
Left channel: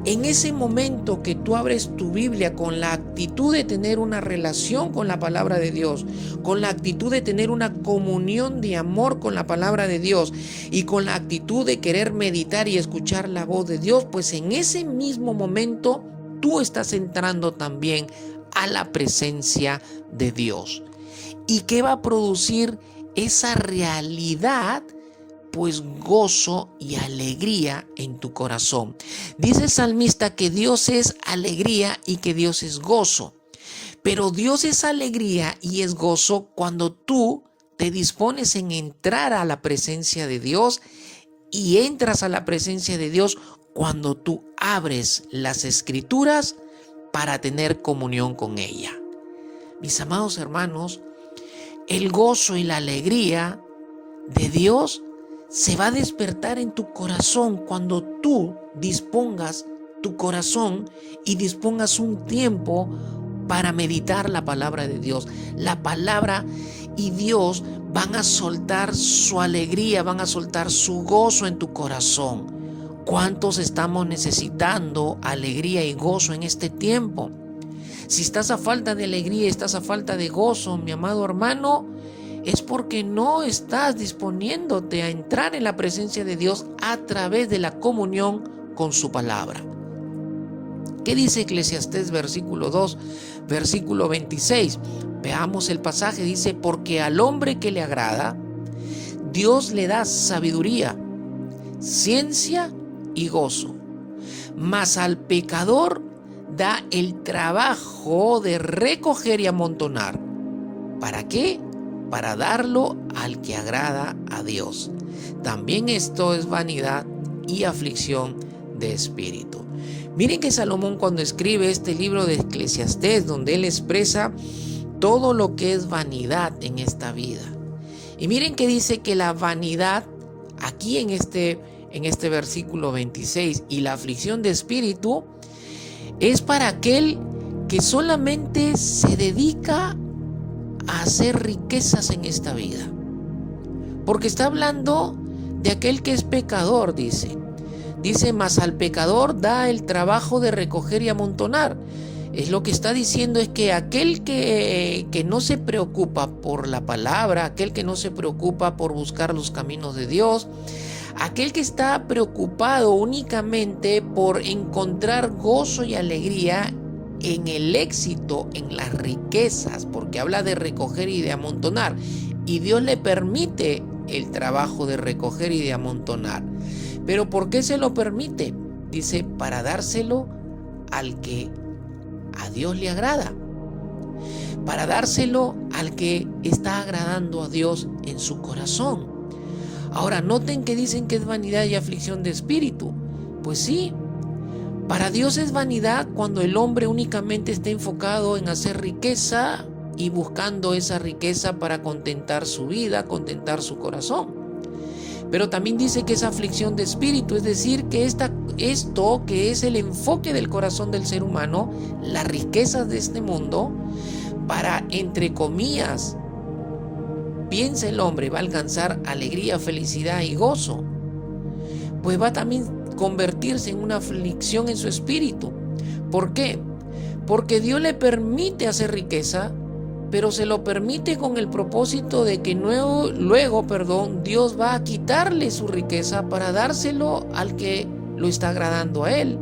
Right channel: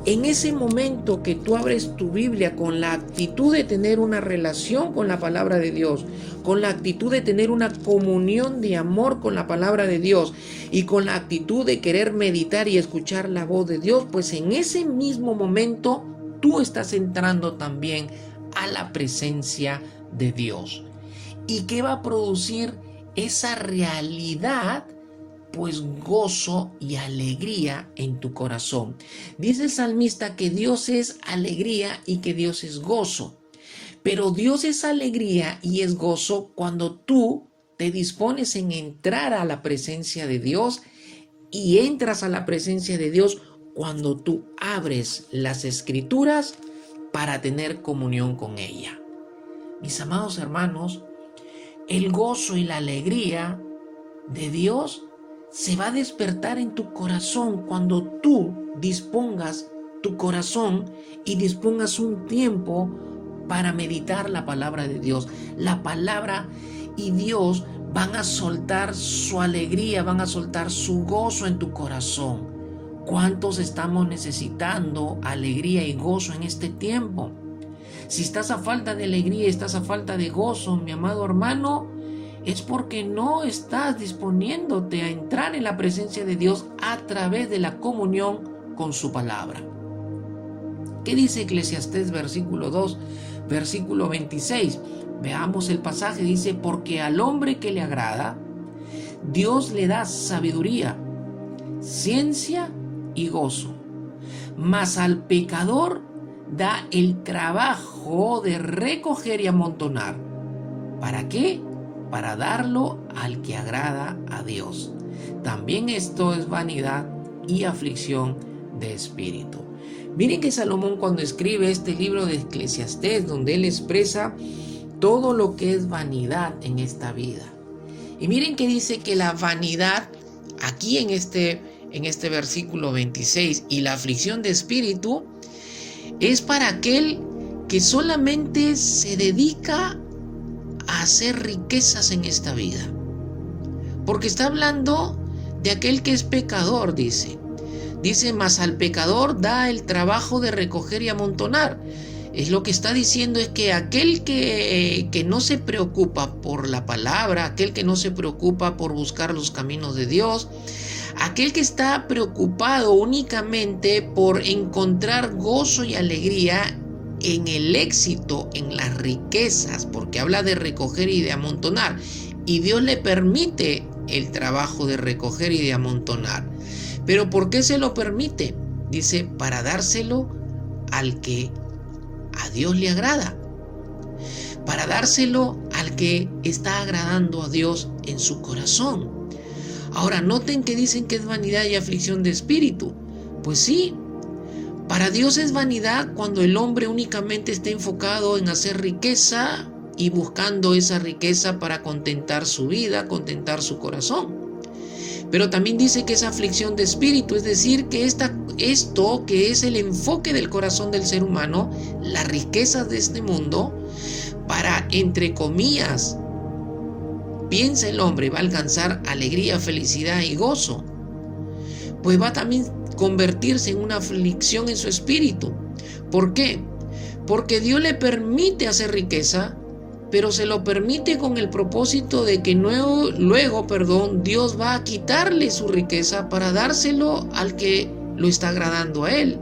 en ese momento que tú abres tu Biblia con la actitud de tener una relación con la palabra de Dios, con la actitud de tener una comunión de amor con la palabra de Dios y con la actitud de querer meditar y escuchar la voz de Dios, pues en ese mismo momento tú estás entrando también a la presencia de Dios. ¿Y qué va a producir esa realidad? Pues gozo y alegría en tu corazón. Dice el salmista que Dios es alegría y que Dios es gozo. Pero Dios es alegría y es gozo cuando tú te dispones en entrar a la presencia de Dios, y entras a la presencia de Dios cuando tú abres las escrituras para tener comunión con ella. Mis amados hermanos, el gozo y la alegría de Dios se va a despertar en tu corazón cuando tú dispongas tu corazón y dispongas un tiempo para meditar la palabra de Dios. La palabra y Dios van a soltar su alegría, van a soltar su gozo en tu corazón. ¿Cuántos estamos necesitando alegría y gozo en este tiempo? Si estás a falta de alegría, estás a falta de gozo, mi amado hermano, es porque no estás disponiéndote a entrar en la presencia de Dios a través de la comunión con su palabra. ¿Qué dice Eclesiastés versículo 2, versículo 26? Veamos el pasaje, dice, porque al hombre que le agrada, Dios le da sabiduría, ciencia y gozo, mas al pecador da el trabajo de recoger y amontonar. ¿Para qué? Para darlo al que agrada a Dios. También esto es vanidad y aflicción de espíritu. Miren que Salomón, cuando escribe este libro de Eclesiastés, donde él expresa todo lo que es vanidad en esta vida. Y miren que dice que la vanidad, aquí en este versículo 26, y la aflicción de espíritu, es para aquel que solamente se dedica a hacer riquezas en esta vida. Porque está hablando de aquel que es pecador, dice. Dice, mas al pecador da el trabajo de recoger y amontonar. Es lo que está diciendo, es que aquel que no se preocupa por la palabra, aquel que no se preocupa por buscar los caminos de Dios, aquel que está preocupado únicamente por encontrar gozo y alegría en el éxito, en las riquezas, porque habla de recoger y de amontonar, y Dios le permite el trabajo de recoger y de amontonar. ¿Pero por qué se lo permite? Dice, para dárselo al que a Dios le agrada, para dárselo al que está agradando a Dios en su corazón. Ahora, noten que dicen que es vanidad y aflicción de espíritu. Pues sí, para Dios es vanidad cuando el hombre únicamente está enfocado en hacer riqueza y buscando esa riqueza para contentar su vida, contentar su corazón. Pero también dice que es aflicción de espíritu, es decir, que esto que es el enfoque del corazón del ser humano, las riquezas de este mundo, para, entre comillas, piensa el hombre, va a alcanzar alegría, felicidad y gozo, pues va a también convertirse en una aflicción en su espíritu. ¿Por qué? Porque Dios le permite hacer riqueza, pero se lo permite con el propósito de que luego, Dios va a quitarle su riqueza para dárselo al que lo está agradando a él.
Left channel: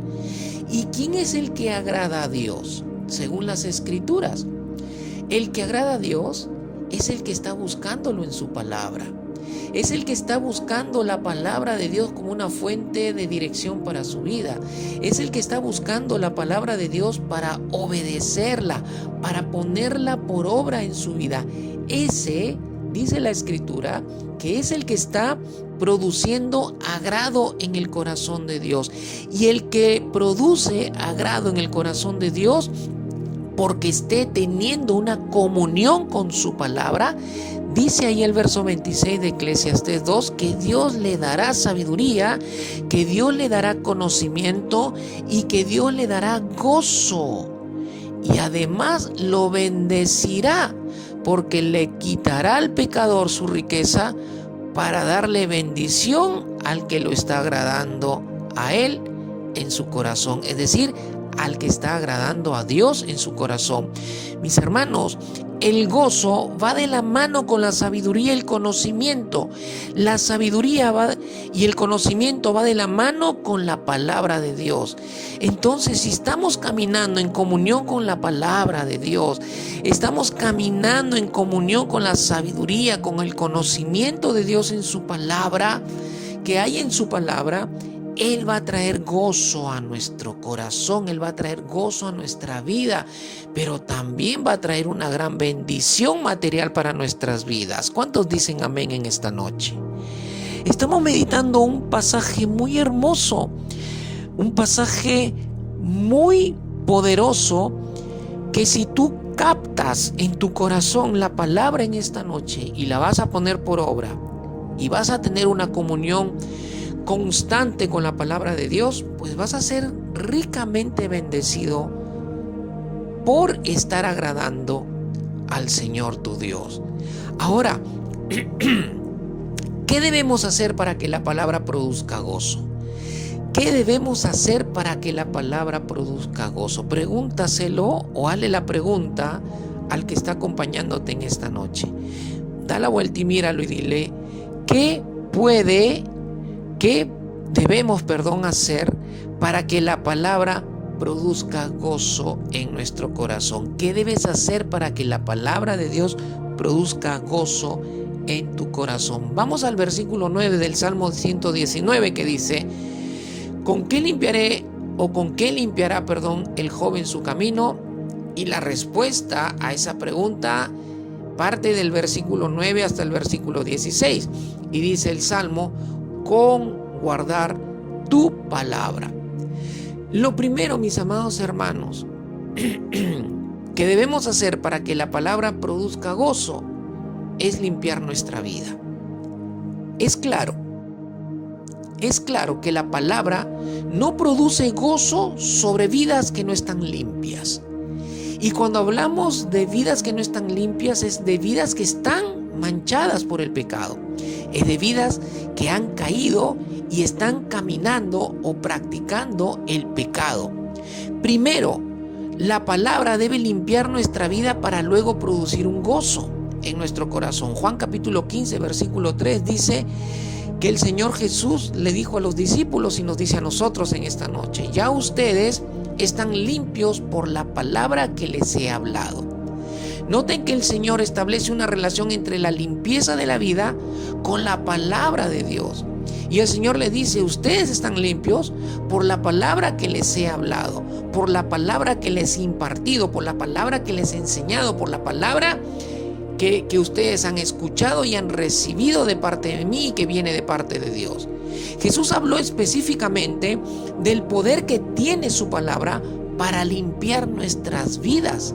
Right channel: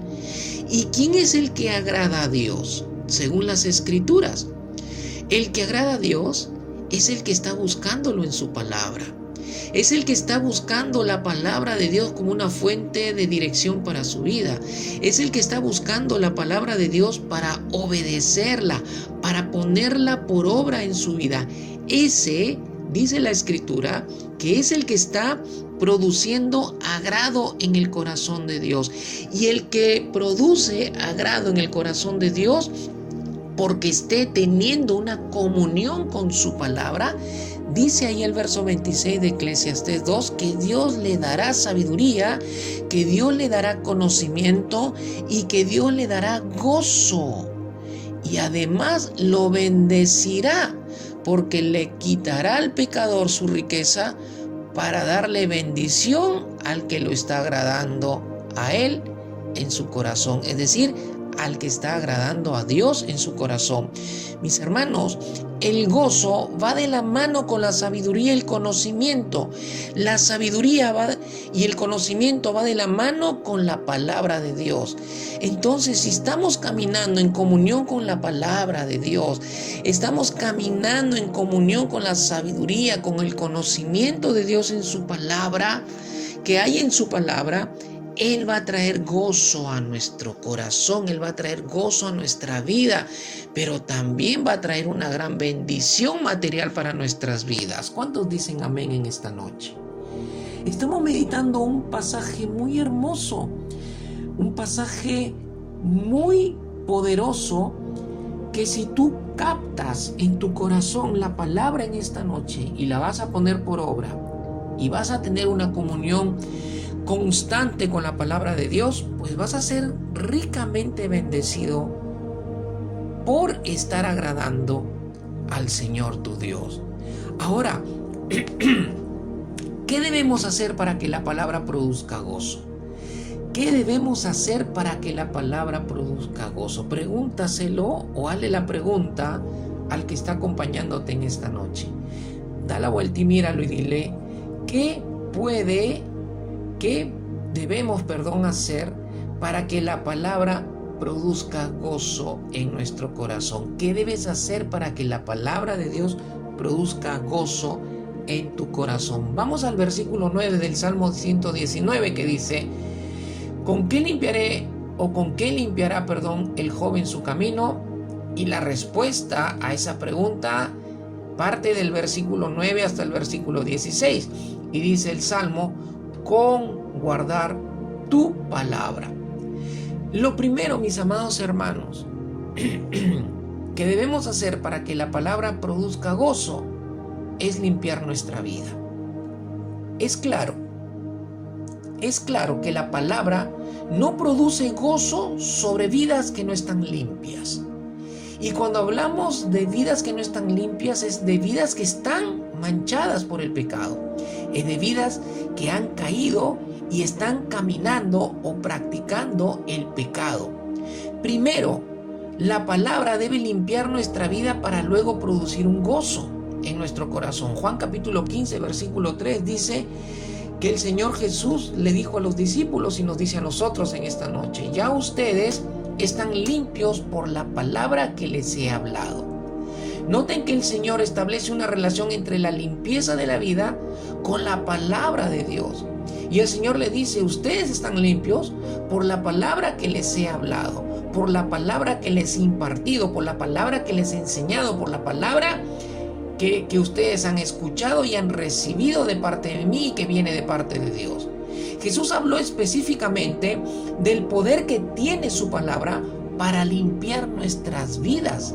¿Y quién es el que agrada a Dios? Según las Escrituras, el que agrada a Dios es el que está buscándolo en su palabra. Es el que está buscando la palabra de Dios como una fuente de dirección para su vida. Es el que está buscando la palabra de Dios para obedecerla, para ponerla por obra en su vida. Ese, dice la Escritura, que es el que está produciendo agrado en el corazón de Dios. Y el que produce agrado en el corazón de Dios, porque esté teniendo una comunión con su palabra, dice ahí el verso 26 de Eclesiastés 2, que Dios le dará sabiduría, que Dios le dará conocimiento y que Dios le dará gozo. Y además lo bendecirá, porque le quitará al pecador su riqueza para darle bendición al que lo está agradando a él en su corazón. Es decir, al que está agradando a Dios en su corazón. Mis hermanos, el gozo va de la mano con la sabiduría y el conocimiento. La sabiduría y el conocimiento va de la mano con la palabra de Dios. Entonces, si estamos caminando en comunión con la palabra de Dios, estamos caminando en comunión con la sabiduría, con el conocimiento de Dios en su palabra, que hay en su palabra, Él va a traer gozo a nuestro corazón, Él va a traer gozo a nuestra vida, pero también va a traer una gran bendición material para nuestras vidas. ¿Cuántos dicen amén en esta noche? Estamos meditando un pasaje muy hermoso, un pasaje muy poderoso, que si tú captas en tu corazón la palabra en esta noche y la vas a poner por obra y vas a tener una comunión constante con la palabra de Dios, pues vas a ser ricamente bendecido por estar agradando al Señor tu Dios. Ahora, ¿qué debemos hacer para que la palabra produzca gozo? ¿Qué debemos hacer para que la palabra produzca gozo? Pregúntaselo o hazle la pregunta al que está acompañándote en esta noche. Da la vuelta y míralo y dile, ¿qué debemos hacer para que la palabra produzca gozo en nuestro corazón? ¿Qué debes hacer para que la palabra de Dios produzca gozo en tu corazón? Vamos al versículo 9 del Salmo 119 que dice, ¿con qué limpiará el joven su camino? Y la respuesta a esa pregunta parte del versículo 9 hasta el versículo 16. Y dice el Salmo, con guardar tu palabra. Lo primero, mis amados hermanos, que debemos hacer para que la palabra produzca gozo es limpiar nuestra vida. Es claro que la palabra no produce gozo sobre vidas que no están limpias. Y cuando hablamos de vidas que no están limpias, es de vidas que están manchadas por el pecado. Es de vidas que han caído y están caminando o practicando el pecado. Primero, la palabra debe limpiar nuestra vida para luego producir un gozo en nuestro corazón. Juan capítulo 15, versículo 3 dice que el Señor Jesús le dijo a los discípulos y nos dice a nosotros en esta noche, ya ustedes están limpios por la palabra que les he hablado. Noten que el Señor establece una relación entre la limpieza de la vida con la palabra de Dios. Y el Señor le dice, ustedes están limpios por la palabra que les he hablado, por la palabra que les he impartido, por la palabra que les he enseñado, por la palabra que ustedes han escuchado y han recibido de parte de mí y que viene de parte de Dios. Jesús habló específicamente del poder que tiene su palabra para limpiar nuestras vidas.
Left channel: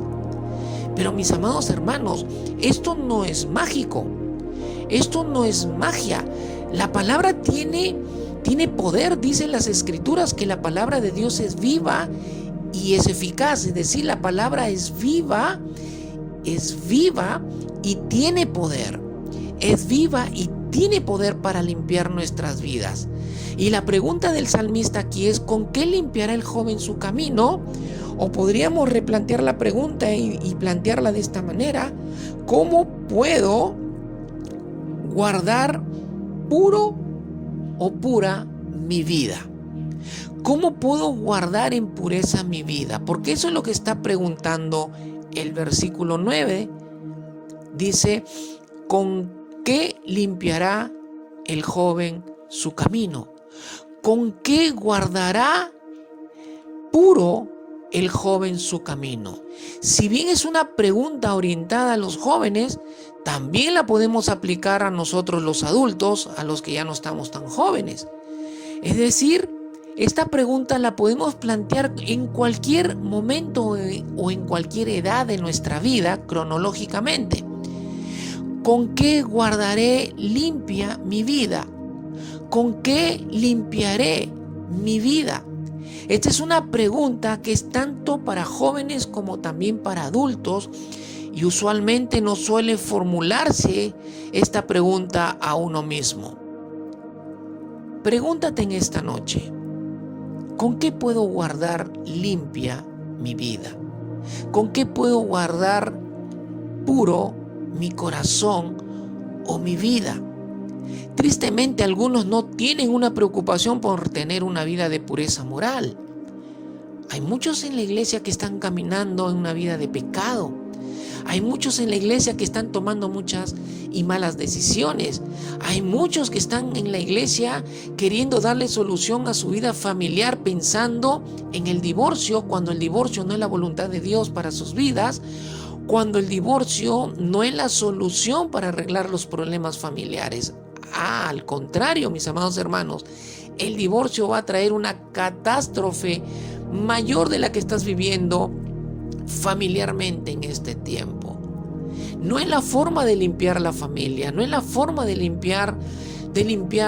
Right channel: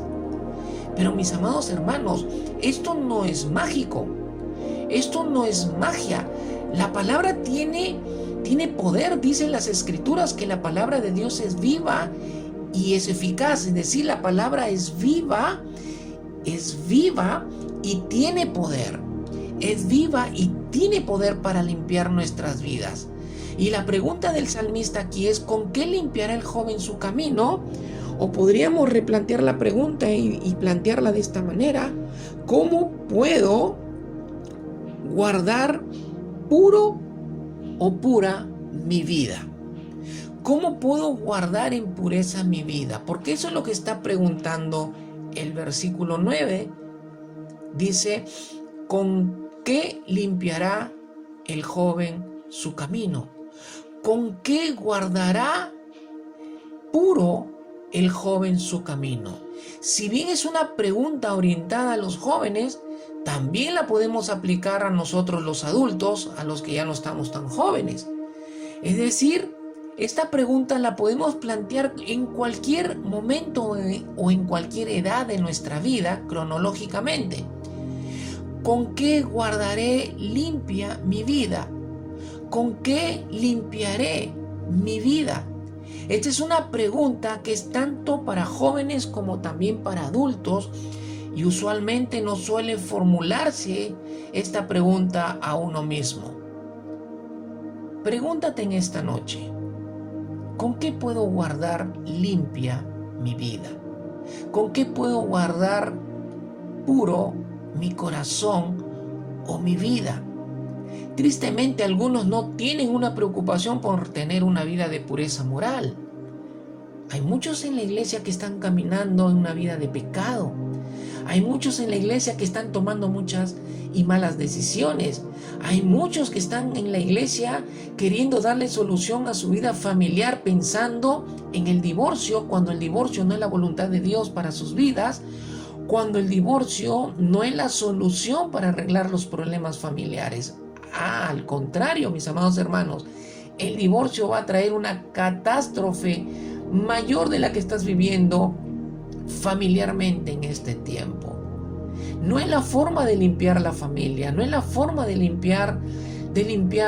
Pero mis amados hermanos, esto no es mágico, esto no es magia. La palabra tiene poder, dicen las Escrituras que la palabra de Dios es viva y es eficaz. Es decir, la palabra es viva y tiene poder. Es viva y tiene poder para limpiar nuestras vidas. Y la pregunta del salmista aquí es, ¿con qué limpiará el joven su camino? O podríamos replantear la pregunta y plantearla de esta manera: ¿cómo puedo guardar puro o pura mi vida? ¿Cómo puedo guardar en pureza mi vida? Porque eso es lo que está preguntando el versículo 9. Dice, ¿con qué limpiará el joven su camino? ¿Con qué guardará puro el joven su camino? Si bien es una pregunta orientada a los jóvenes, también la podemos aplicar a nosotros los adultos, a los que ya no estamos tan jóvenes. Es decir, esta pregunta la podemos plantear en cualquier momento o en cualquier edad de nuestra vida cronológicamente. ¿Con qué guardaré limpia mi vida? ¿Con qué limpiaré mi vida? Esta es una pregunta que es tanto para jóvenes como también para adultos, y usualmente no suele formularse esta pregunta a uno mismo. Pregúntate en esta noche, ¿con qué puedo guardar limpia mi vida? ¿Con qué puedo guardar puro mi corazón o mi vida? Tristemente, algunos no tienen una preocupación por tener una vida de pureza moral. Hay muchos en la iglesia que están caminando en una vida de pecado. Hay muchos en la iglesia que están tomando muchas y malas decisiones. Hay muchos que están en la iglesia queriendo darle solución a su vida familiar pensando en el divorcio, cuando el divorcio no es la voluntad de Dios para sus vidas, cuando el divorcio no es la solución para arreglar los problemas familiares. Al contrario, mis amados hermanos, el divorcio va a traer una catástrofe mayor de la que estás viviendo familiarmente en este tiempo. No es la forma de limpiar la familia, no es la forma de limpiar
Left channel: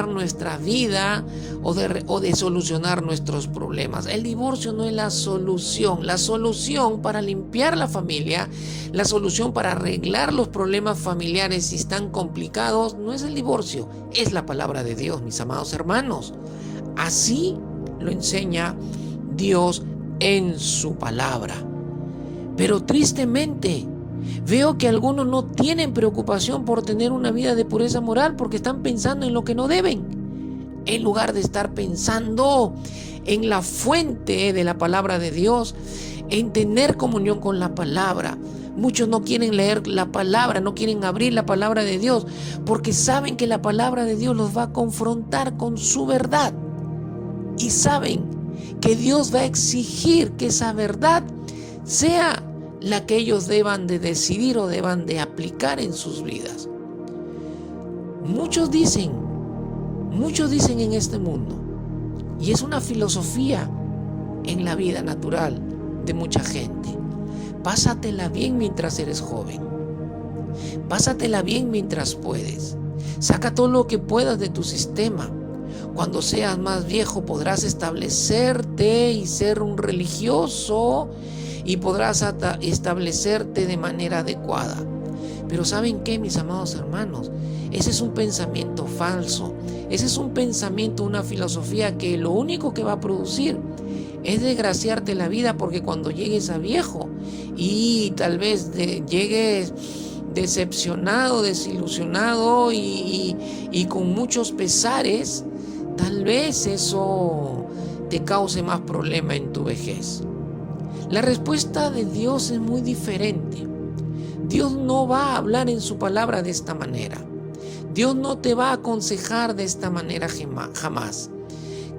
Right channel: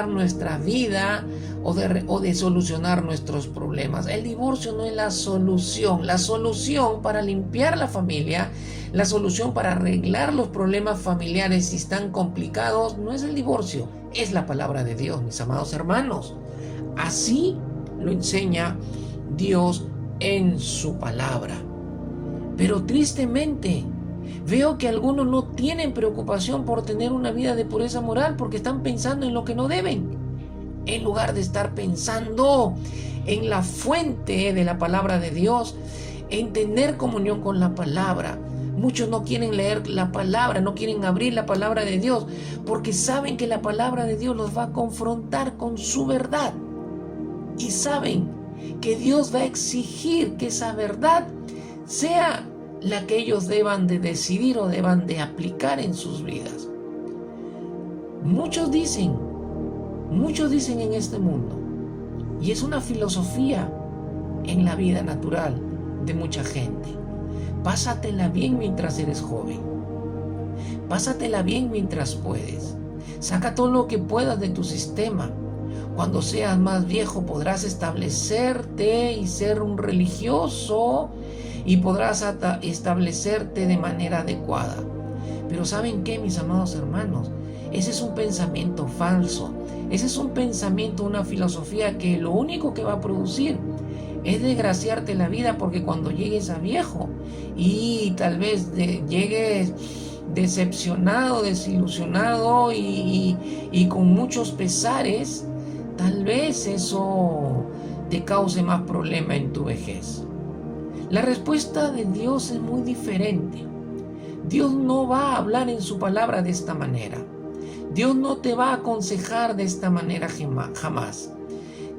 nuestra vida o de solucionar nuestros problemas. El divorcio no es la solución. La solución para limpiar la familia, la solución para arreglar los problemas familiares si están complicados, no es el divorcio, es la palabra de Dios, mis amados hermanos. Así lo enseña Dios en su palabra. Pero tristemente, veo que algunos no tienen preocupación por tener una vida de pureza moral porque están pensando en lo que no deben, en lugar de estar pensando en la fuente de la palabra de Dios, en tener comunión con la palabra. Muchos no quieren leer la palabra, no quieren abrir la palabra de Dios porque saben que la palabra de Dios los va a confrontar con su verdad y saben que Dios va a exigir que esa verdad sea la que ellos deban de decidir o deban de aplicar en sus vidas. Muchos dicen en este mundo, y es una filosofía en la vida natural de mucha gente: pásatela bien mientras eres joven, pásatela bien mientras puedes, saca todo lo que puedas de tu sistema. Cuando seas más viejo podrás establecerte y ser un religioso y podrás establecerte de manera adecuada. Pero ¿saben qué, mis amados hermanos? Ese es un pensamiento falso. Ese es un pensamiento, una filosofía que lo único que va a producir es desgraciarte la vida, porque cuando llegues a viejo y tal vez llegues decepcionado, desilusionado y con muchos pesares, tal vez eso te cause más problema en tu vejez. La respuesta de Dios es muy diferente. Dios no va a hablar en su palabra de esta manera. Dios no te va a aconsejar de esta manera jamás.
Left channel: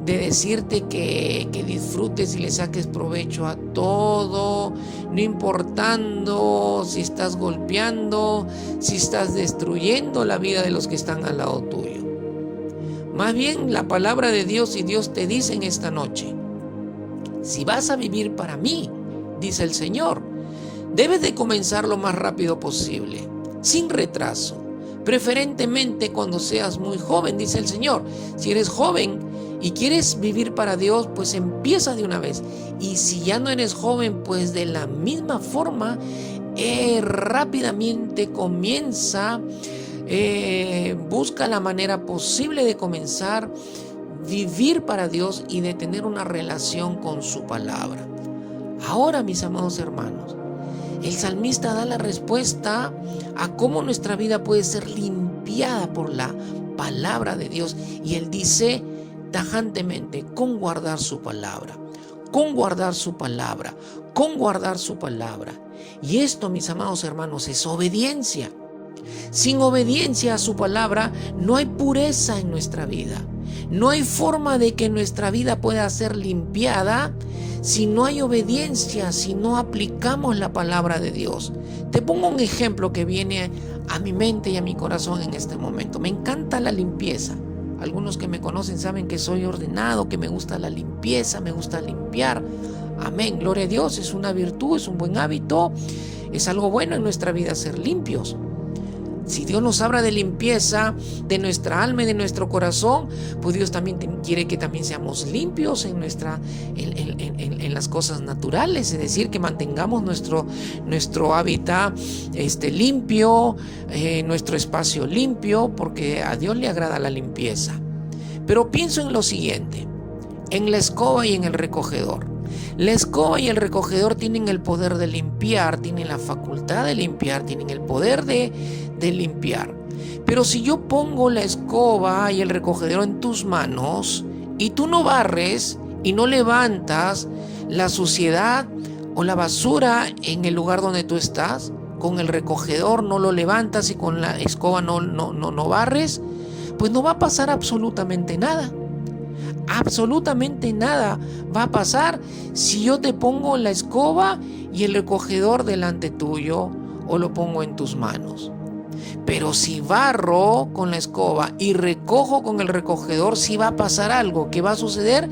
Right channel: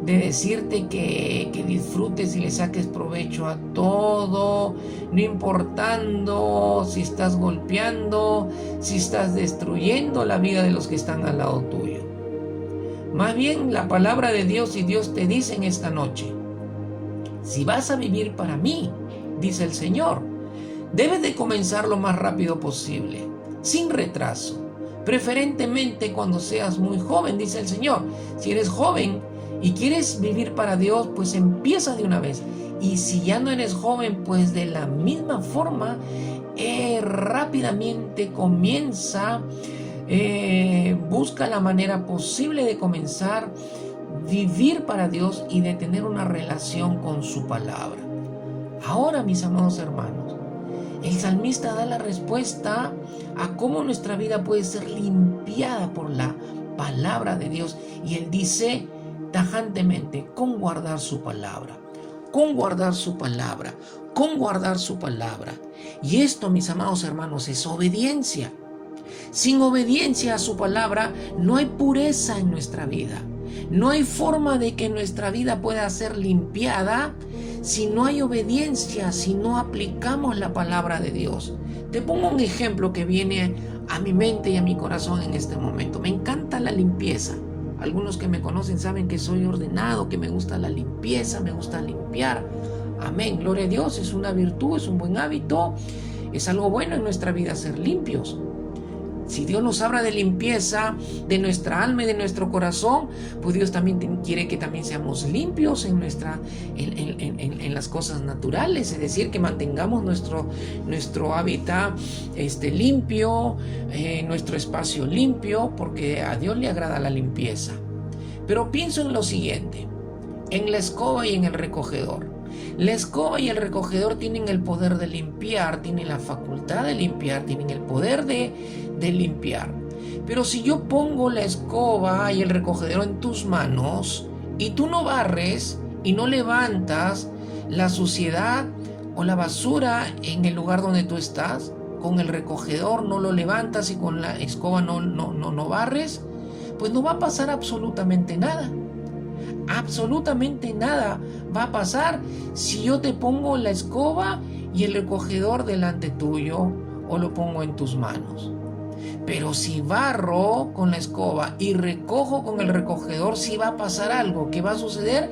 De decirte que disfrutes y le saques provecho a todo, no importando si estás golpeando, si estás destruyendo la vida de los que están al lado tuyo. Más bien, la palabra de Dios y Dios te dice en esta noche: si vas a vivir para mí, dice el Señor, debes de comenzar lo más rápido posible, sin retraso, preferentemente cuando seas muy joven, dice el Señor. Si eres joven y quieres vivir para Dios, pues empieza de una vez. Y si ya no eres joven, pues de la misma forma, rápidamente comienza, busca la manera posible de comenzar vivir para Dios y de tener una relación con su palabra. Ahora, mis amados hermanos, el salmista da la respuesta a cómo nuestra vida puede ser limpiada por la palabra de Dios, y él dice tajantemente: con guardar su palabra, con guardar su palabra, con guardar su palabra. Y esto, mis amados hermanos, es obediencia. Sin obediencia a su palabra no hay pureza en nuestra vida. No hay forma de que nuestra vida pueda ser limpiada si no hay obediencia, si no aplicamos la palabra de Dios. Te pongo un ejemplo que viene a mi mente y a mi corazón en este momento. Me encanta la limpieza. Algunos que me conocen saben que soy ordenado, que me gusta la limpieza, me gusta limpiar. Amén, gloria a Dios, es una virtud, es un buen hábito, es algo bueno en nuestra vida ser limpios. Si Dios nos habla de limpieza de nuestra alma y de nuestro corazón, pues Dios también quiere que también seamos limpios en las cosas naturales, es decir, que mantengamos nuestro hábitat limpio, nuestro espacio limpio, porque a Dios le agrada la limpieza. Pero pienso en lo siguiente: en la escoba y en el recogedor. La escoba y el recogedor tienen el poder de limpiar, tienen la facultad de limpiar, tienen el poder de limpiar. Pero si yo pongo la escoba y el recogedor en tus manos y tú no barres y no levantas la suciedad o la basura en el lugar donde tú estás, con el recogedor no lo levantas y con la escoba no barres, pues no va a pasar absolutamente nada. Absolutamente nada va a pasar si yo te pongo la escoba y el recogedor delante tuyo o lo pongo en tus manos. Pero si barro con la escoba y recojo con el recogedor, sí va a pasar algo. ¿Qué va a suceder?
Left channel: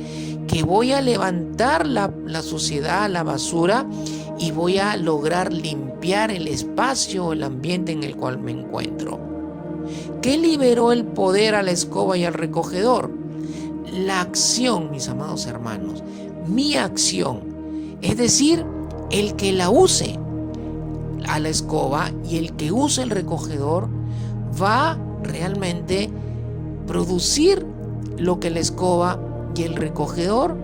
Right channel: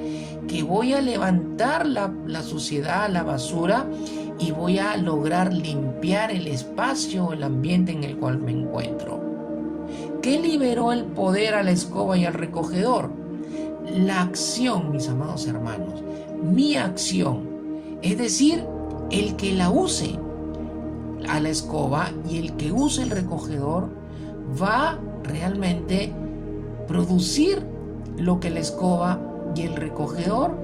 Que voy a levantar la suciedad, la basura, y voy a lograr limpiar el espacio o el ambiente en el cual me encuentro. ¿Qué liberó el poder a la escoba y al recogedor? La acción, mis amados hermanos, mi acción, es decir, el que la use a la escoba y el que use el recogedor va realmente producir lo que la escoba y el recogedor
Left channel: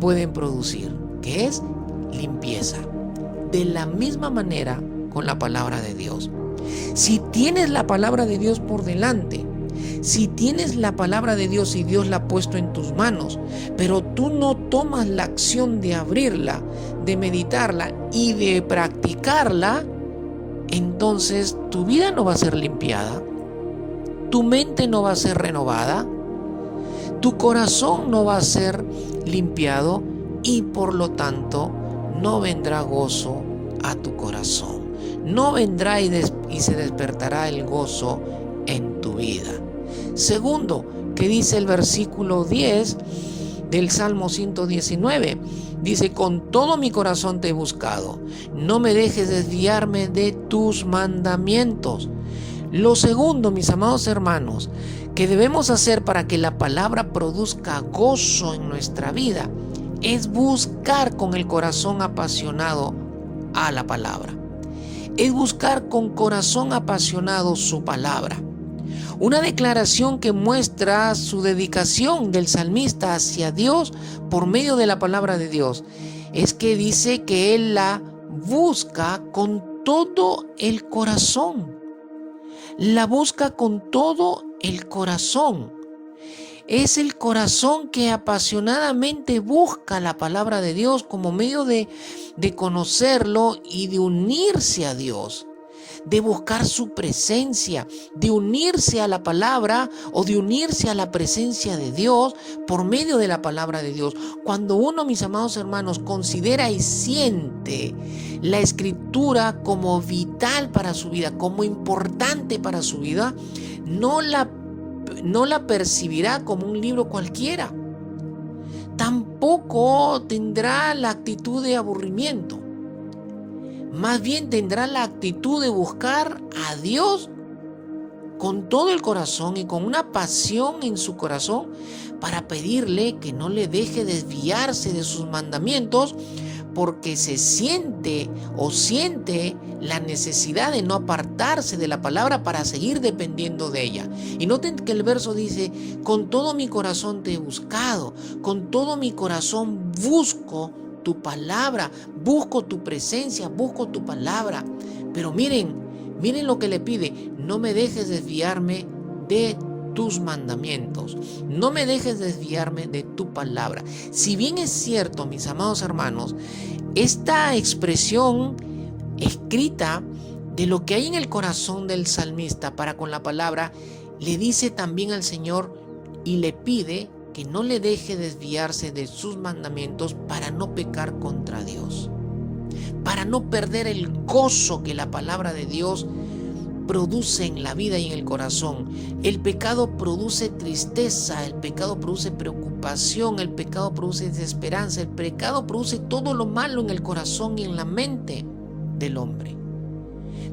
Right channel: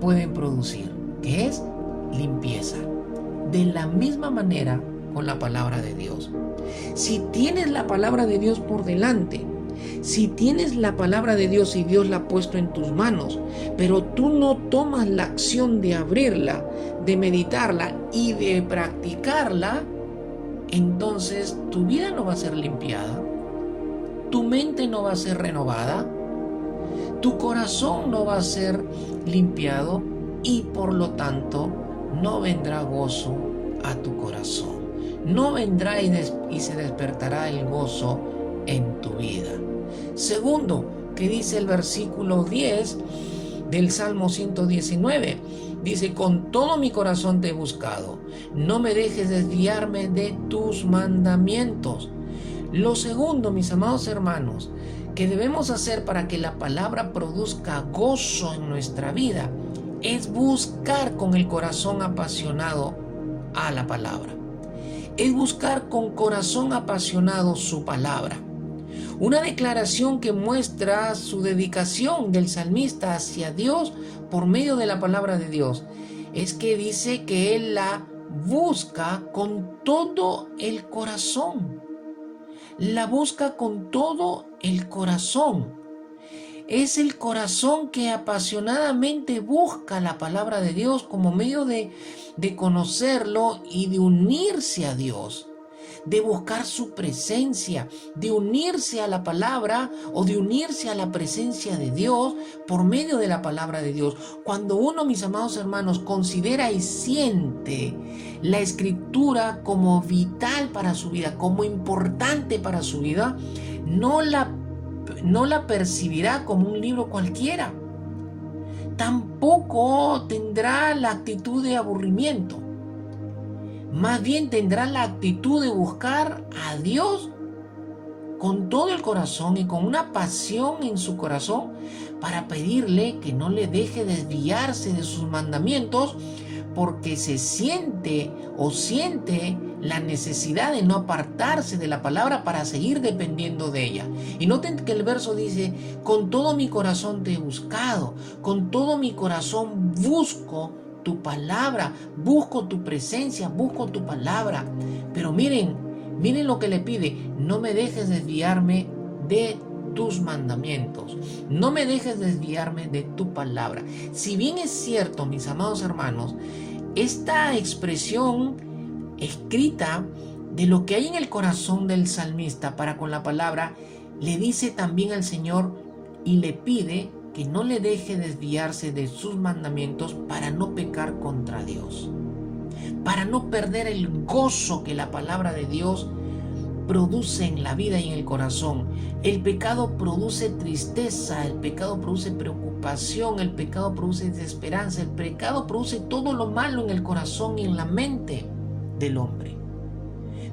pueden producir, que es limpieza. De la misma manera con la palabra de Dios. Si tienes la palabra de Dios por delante, si tienes la palabra de Dios y Dios la ha puesto en tus manos, pero tú no tomas la acción de abrirla, de meditarla y de practicarla, entonces tu vida no va a ser limpiada, tu mente no va a ser renovada, tu corazón no va a ser limpiado y por lo tanto no vendrá gozo a tu corazón. No vendrá y se despertará el gozo en tu vida. Segundo, que dice el versículo 10 del Salmo 119. Dice, con todo mi corazón te he buscado. No me dejes desviarme de tus mandamientos. Lo segundo, mis amados hermanos, que debemos hacer para que la palabra produzca gozo en nuestra vida es buscar con el corazón apasionado a la palabra. Es buscar con corazón apasionado su palabra. Una declaración que muestra su dedicación del salmista hacia Dios por medio de la palabra de Dios es que dice que él la busca con todo el corazón. La busca con todo el corazón. Es el corazón que apasionadamente busca la palabra de Dios como medio de conocerlo y de unirse a Dios, de buscar su presencia, de unirse a la palabra o de unirse a la presencia de Dios por medio de la palabra de Dios. Cuando uno, mis amados hermanos, considera y siente la escritura como vital para su vida, como importante para su vida, no la percibirá como un libro cualquiera. Tampoco tendrá la actitud de aburrimiento. Más bien tendrá la actitud de buscar a Dios con todo el corazón y con una pasión en su corazón para pedirle que no le deje desviarse de sus mandamientos, porque se siente la necesidad de no apartarse de la palabra para seguir dependiendo de ella. Y noten que el verso dice, con todo mi corazón te he buscado, con todo mi corazón busco tu palabra, busco tu presencia, busco tu palabra. Pero miren lo que le pide, no me dejes desviarme de tus mandamientos, no me dejes desviarme de tu palabra. Si bien es cierto, mis amados hermanos, esta expresión escrita de lo que hay en el corazón del salmista para con la palabra, le dice también al Señor y le pide que no le deje desviarse de sus mandamientos para no pecar contra Dios, para no perder el gozo que la palabra de Dios produce en la vida y en el corazón. El pecado produce tristeza, el pecado produce preocupación, el pecado produce desesperanza, el pecado produce todo lo malo en el corazón y en la mente del hombre.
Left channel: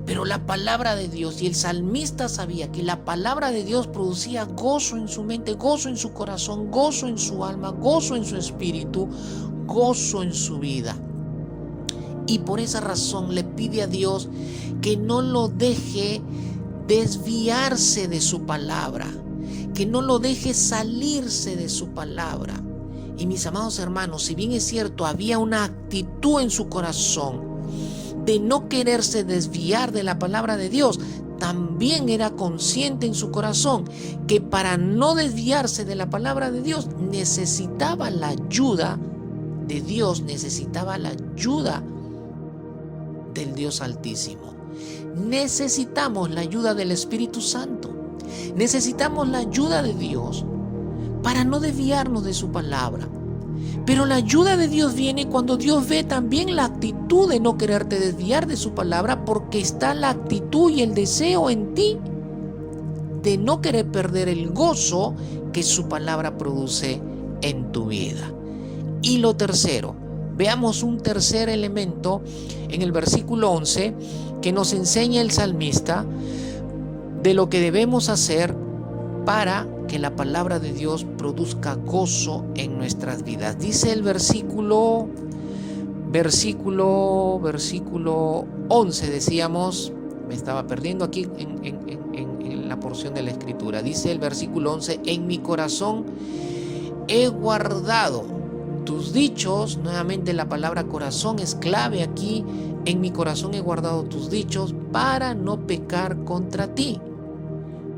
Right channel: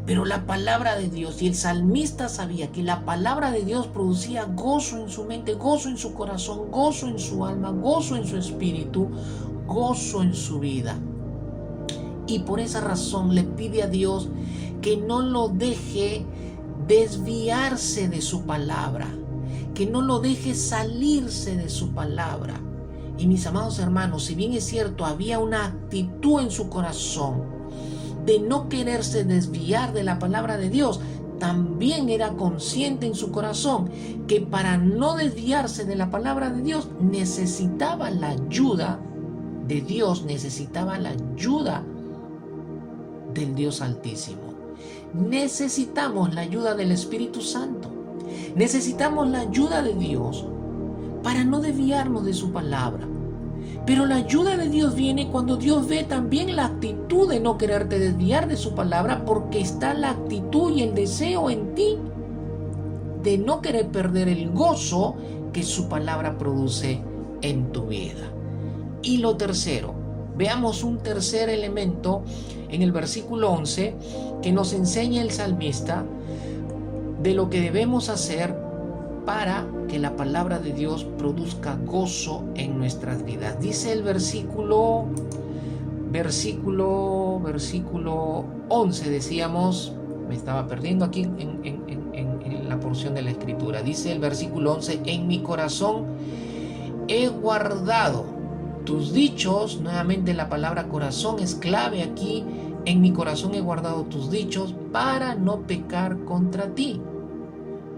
Pero la palabra de Dios, y el salmista sabía que la palabra de Dios producía gozo en su mente, gozo en su corazón, gozo en su alma, gozo en su espíritu, gozo en su vida. Y por esa razón le pide a Dios que no lo deje desviarse de su palabra, que no lo deje salirse de su palabra. Y mis amados hermanos, si bien es cierto, había una actitud en su corazón de no quererse desviar de la palabra de Dios, también era consciente en su corazón que para no desviarse de la palabra de Dios necesitaba la ayuda de Dios, necesitaba la ayuda del Dios Altísimo. Necesitamos la ayuda del Espíritu Santo. Necesitamos la ayuda de Dios para no desviarnos de su palabra. Pero la ayuda de Dios viene cuando Dios ve también la actitud de no quererte desviar de su palabra, porque está la actitud y el deseo en ti de no querer perder el gozo que su palabra produce en tu vida. Y lo tercero, veamos un tercer elemento en el versículo 11 que nos enseña el salmista de lo que debemos hacer para que la palabra de Dios produzca gozo en nuestras vidas. Dice el versículo 11, decíamos, me estaba perdiendo aquí en la porción de la escritura. Dice el versículo 11, en mi corazón he guardado tus dichos. Nuevamente la palabra corazón es clave aquí. En mi corazón he guardado tus dichos para no pecar contra ti.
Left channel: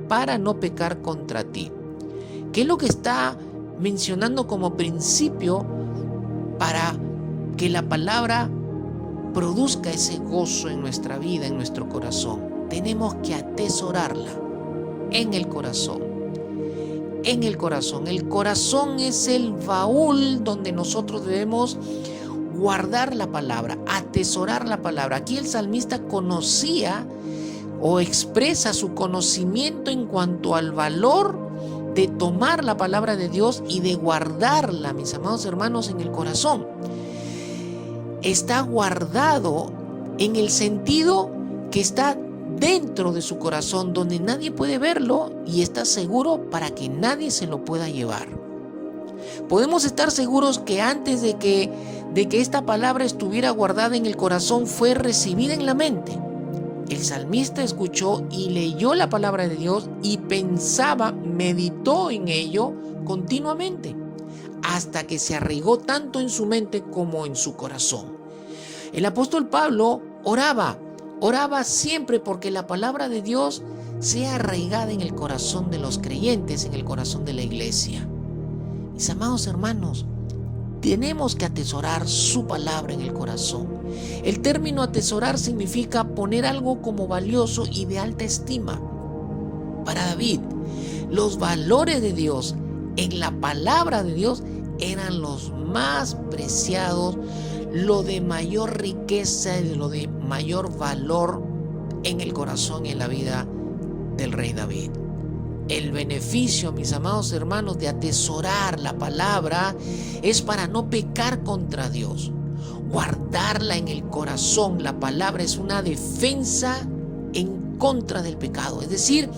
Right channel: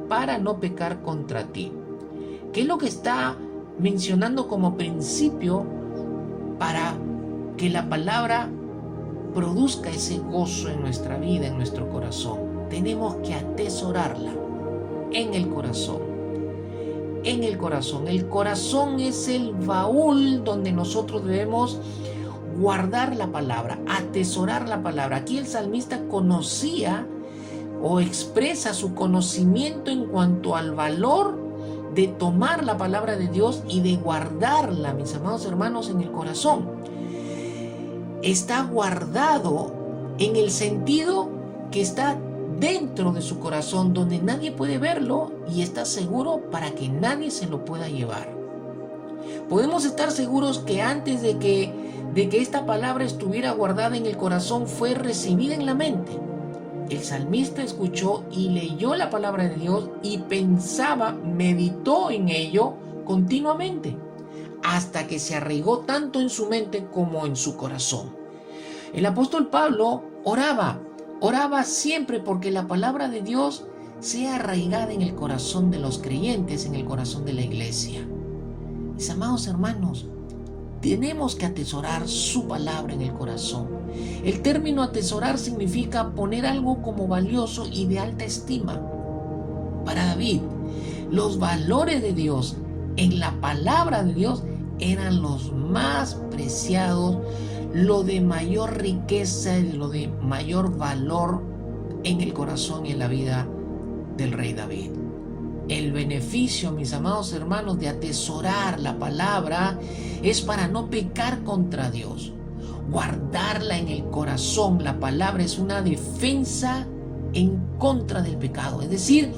Para no pecar contra ti. ¿Qué es lo que está mencionando como principio para que la palabra produzca ese gozo en nuestra vida, en nuestro corazón? Tenemos que atesorarla en el corazón. En el corazón. El corazón es el baúl donde nosotros debemos guardar la palabra, atesorar la palabra. Aquí el salmista conocía o expresa su conocimiento en cuanto al valor de tomar la palabra de Dios y de guardarla, mis amados hermanos, en el corazón. Está guardado en el sentido que está dentro de su corazón, donde nadie puede verlo, y está seguro para que nadie se lo pueda llevar. Podemos estar seguros que antes de que esta palabra estuviera guardada en el corazón, fue recibida en la mente. El salmista escuchó y leyó la palabra de Dios y pensaba, meditó en ello continuamente, hasta que se arraigó tanto en su mente como en su corazón. El apóstol Pablo oraba siempre porque la palabra de Dios sea arraigada en el corazón de los creyentes, en el corazón de la iglesia. Mis amados hermanos, tenemos que atesorar su palabra en el corazón. El término atesorar significa poner algo como valioso y de alta estima. Para David, los valores de Dios en la palabra de Dios eran los más preciados, lo de mayor riqueza y lo de mayor valor en el corazón y en la vida del rey David. El beneficio, mis amados hermanos, de atesorar la palabra es para no pecar contra Dios. Guardarla en el corazón. La palabra es una defensa en contra del pecado. Es decir,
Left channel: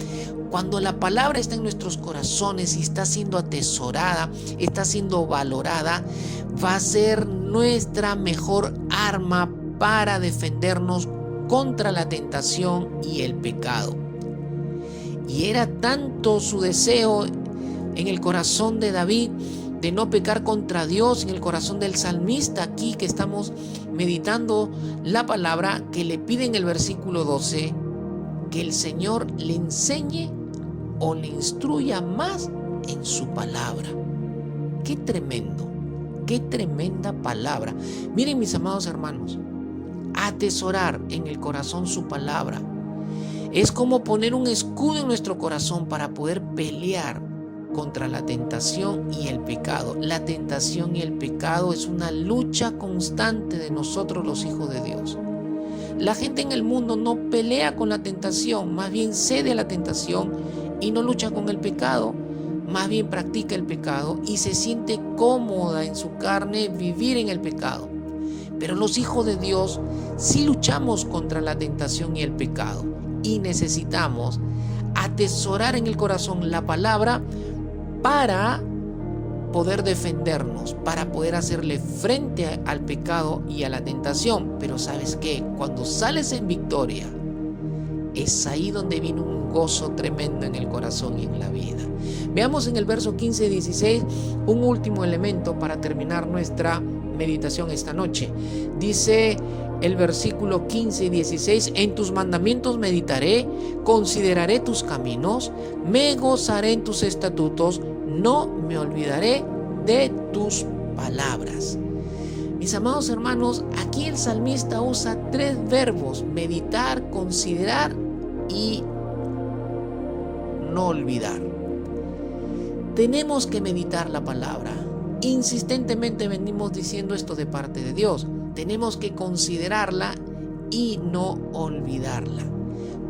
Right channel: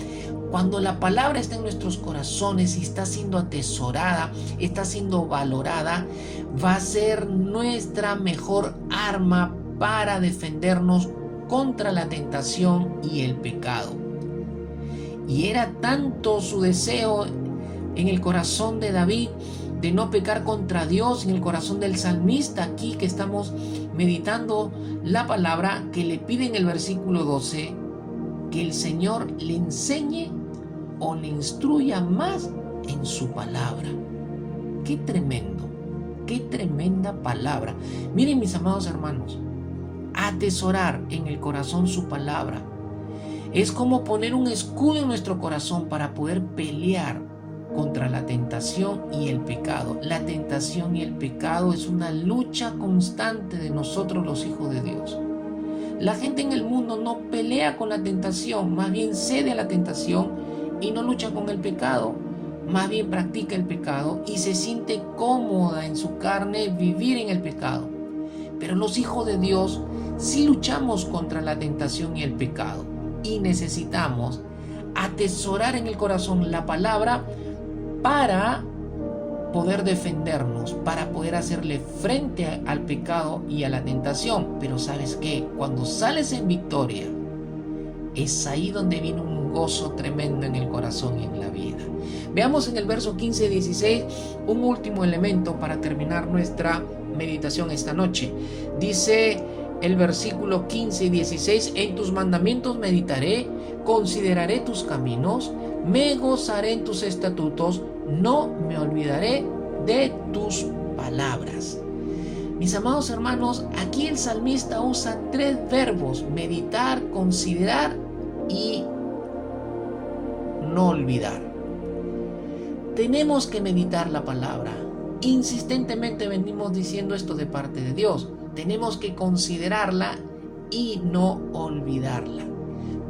cuando la palabra está en nuestros corazones y está siendo atesorada, está siendo valorada, va a ser nuestra mejor arma para defendernos contra la tentación y el pecado. Y era tanto su deseo en el corazón de David de no pecar contra Dios, en el corazón del salmista aquí que estamos meditando la palabra, que le pide en el versículo 12 que el Señor le enseñe o le instruya más en su palabra. Qué tremendo, qué tremenda palabra. Miren, mis amados hermanos, atesorar en el corazón su palabra es como poner un escudo en nuestro corazón para poder pelear contra la tentación y el pecado. La tentación y el pecado es una lucha constante de nosotros los hijos de Dios. La gente en el mundo no pelea con la tentación, más bien cede a la tentación y no lucha con el pecado, más bien practica el pecado y se siente cómoda en su carne vivir en el pecado. Pero los hijos de Dios sí luchamos contra la tentación y el pecado. Y necesitamos atesorar en el corazón la palabra para poder defendernos, para poder hacerle frente al pecado y a la tentación. Pero ¿sabes qué? Cuando sales en victoria, es ahí donde viene un gozo tremendo en el corazón y en la vida. Veamos en el verso 15 y 16 un último elemento para terminar nuestra meditación esta noche. Dice el versículo 15 y 16, en tus mandamientos meditaré, consideraré tus caminos, me gozaré en tus estatutos, no me olvidaré de tus palabras. Mis amados hermanos, aquí el salmista usa tres verbos: meditar, considerar y no olvidar. Tenemos que meditar la palabra. Insistentemente venimos diciendo esto de parte de Dios. Tenemos que considerarla y no olvidarla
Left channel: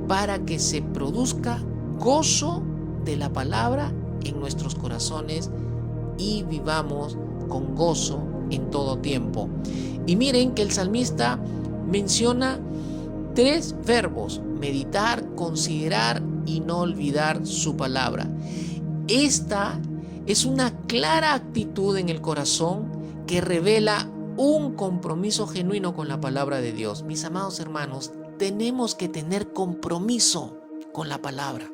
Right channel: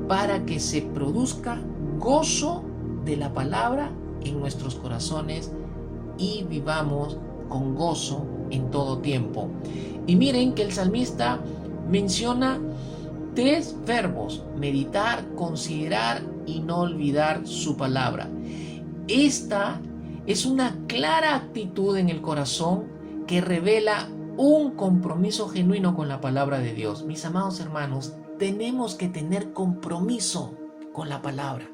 para que se produzca gozo de la palabra en nuestros corazones y vivamos con gozo en todo tiempo. Y miren que el salmista menciona 3 verbos: meditar, considerar y no olvidar su palabra. Esta es una clara actitud en el corazón que revela un compromiso genuino con la palabra de Dios. Mis amados hermanos, tenemos que tener compromiso con la palabra.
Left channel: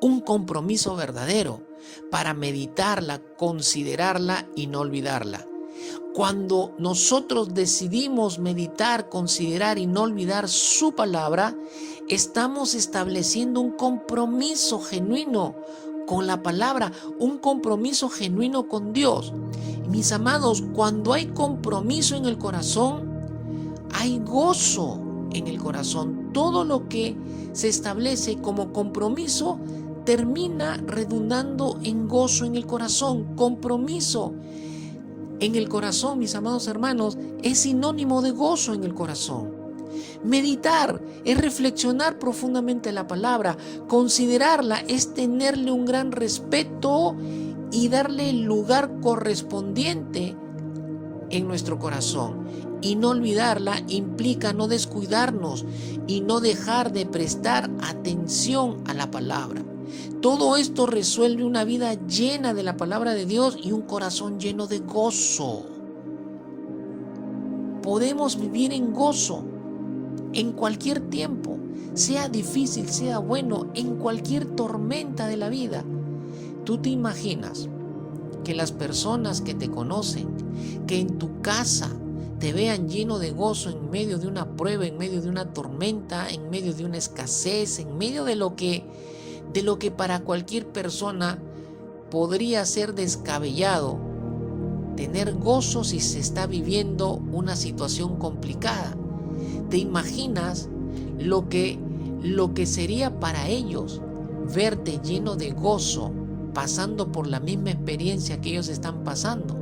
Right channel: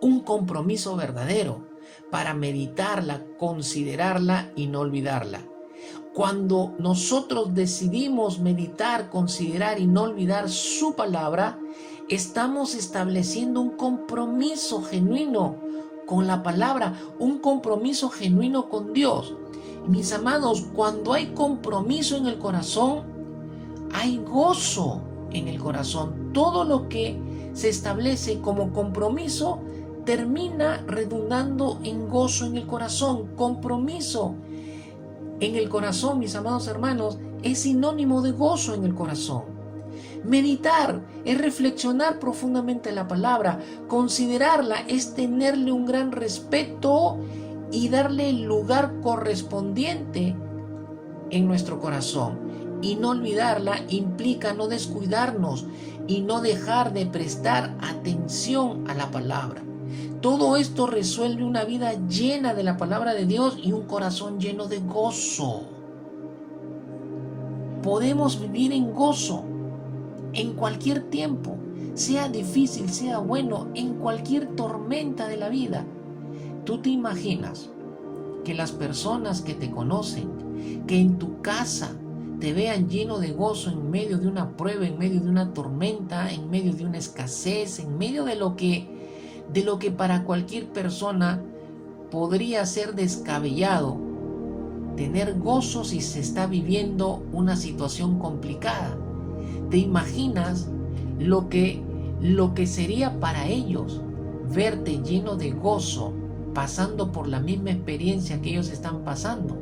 Un compromiso verdadero para meditarla, considerarla y no olvidarla. Cuando nosotros decidimos meditar, considerar y no olvidar su palabra, estamos estableciendo un compromiso genuino con la palabra, un compromiso genuino con Dios. Y mis amados, cuando hay compromiso en el corazón, hay gozo en el corazón. Todo lo que se establece como compromiso termina redundando en gozo en el corazón. Compromiso en el corazón, mis amados hermanos, es sinónimo de gozo en el corazón. Meditar es reflexionar profundamente la palabra. Considerarla es tenerle un gran respeto y darle el lugar correspondiente en nuestro corazón. Y no olvidarla implica no descuidarnos y no dejar de prestar atención a la palabra. Todo esto resuelve una vida llena de la palabra de Dios y un corazón lleno de gozo. Podemos vivir en gozo en cualquier tiempo, sea difícil, sea bueno, en cualquier tormenta de la vida. ¿Tú te imaginas que las personas que te conocen, que en tu casa te vean lleno de gozo en medio de una prueba, en medio de una tormenta, en medio de una escasez, en medio de lo que para cualquier persona podría ser descabellado? Tener gozo si se está viviendo una situación complicada. ¿Te imaginas lo que sería para ellos verte lleno de gozo, pasando por la misma experiencia que ellos están pasando?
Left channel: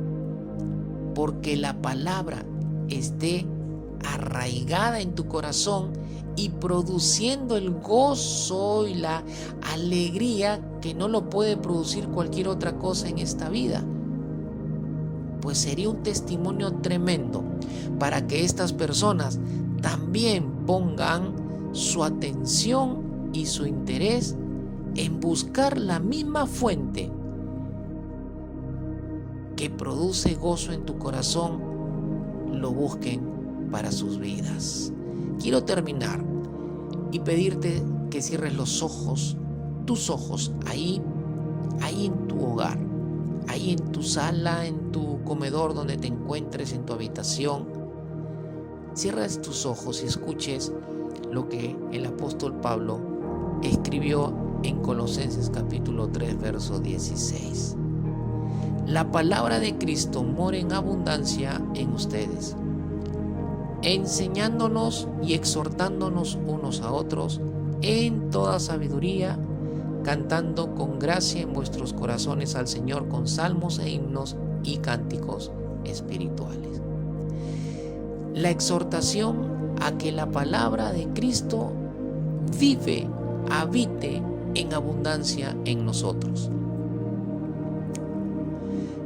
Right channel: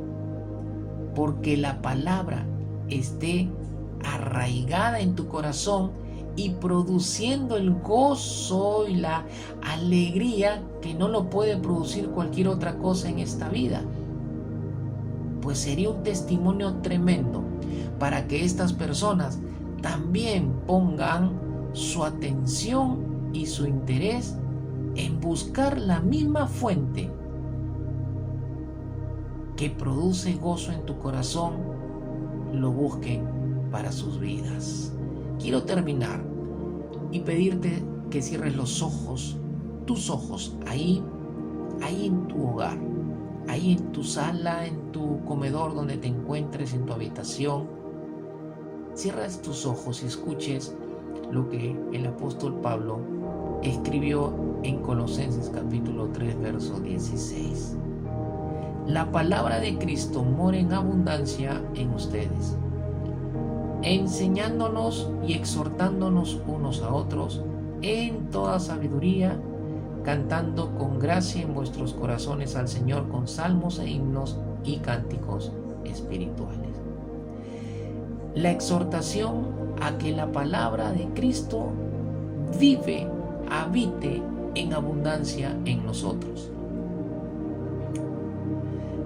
Porque la palabra esté arraigada en tu corazón y produciendo el gozo y la alegría que no lo puede producir cualquier otra cosa en esta vida. Pues sería un testimonio tremendo para que estas personas también pongan su atención y su interés en buscar la misma fuente que produce gozo en tu corazón, lo busquen para sus vidas. Quiero terminar y pedirte que cierres los ojos, tus ojos, ahí en tu hogar, ahí en tu sala, en tu comedor donde te encuentres, en tu habitación. Cierras tus ojos y escuches lo que el apóstol Pablo escribió en Colosenses capítulo 3, verso 16. La palabra de Cristo mora en abundancia en ustedes, enseñándonos y exhortándonos unos a otros en toda sabiduría, cantando con gracia en vuestros corazones al Señor con salmos e himnos y cánticos espirituales. La exhortación a que la palabra de Cristo vive, habite en abundancia en nosotros.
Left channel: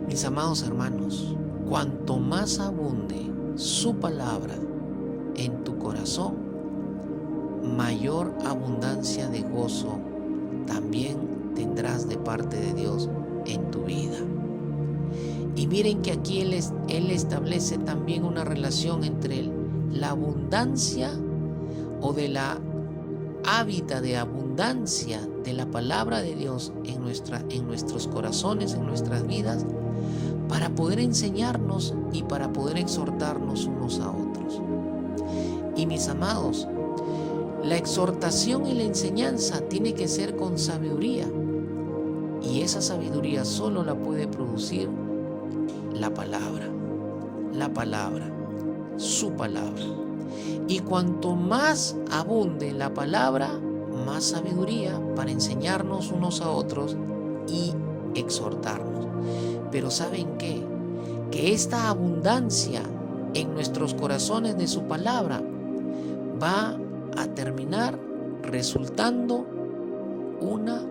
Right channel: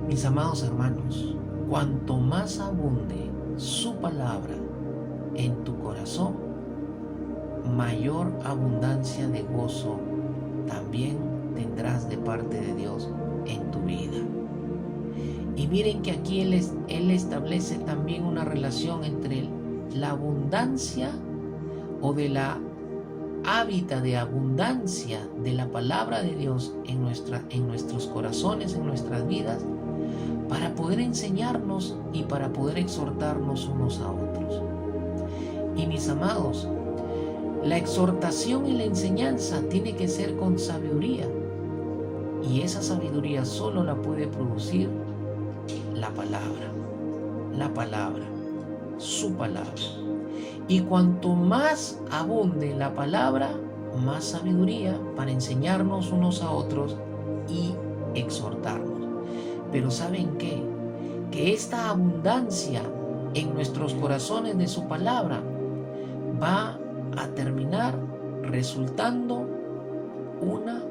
Mis amados hermanos, cuanto más abunde su palabra en tu corazón, mayor abundancia de gozo también tendrás de parte de Dios en tu vida. Y miren que aquí Él establece también una relación entre la abundancia o de la hábitat de abundancia de la palabra de Dios en nuestros corazones, en nuestras vidas, para poder enseñarnos y para poder exhortarnos unos a otros. Y mis amados, la exhortación y la enseñanza tiene que ser con sabiduría, y esa sabiduría solo la puede producir la palabra, su palabra. Y cuanto más abunde la palabra, más sabiduría para enseñarnos unos a otros y exhortarnos. Pero ¿saben qué? Que esta abundancia en nuestros corazones de su palabra va a terminar resultando una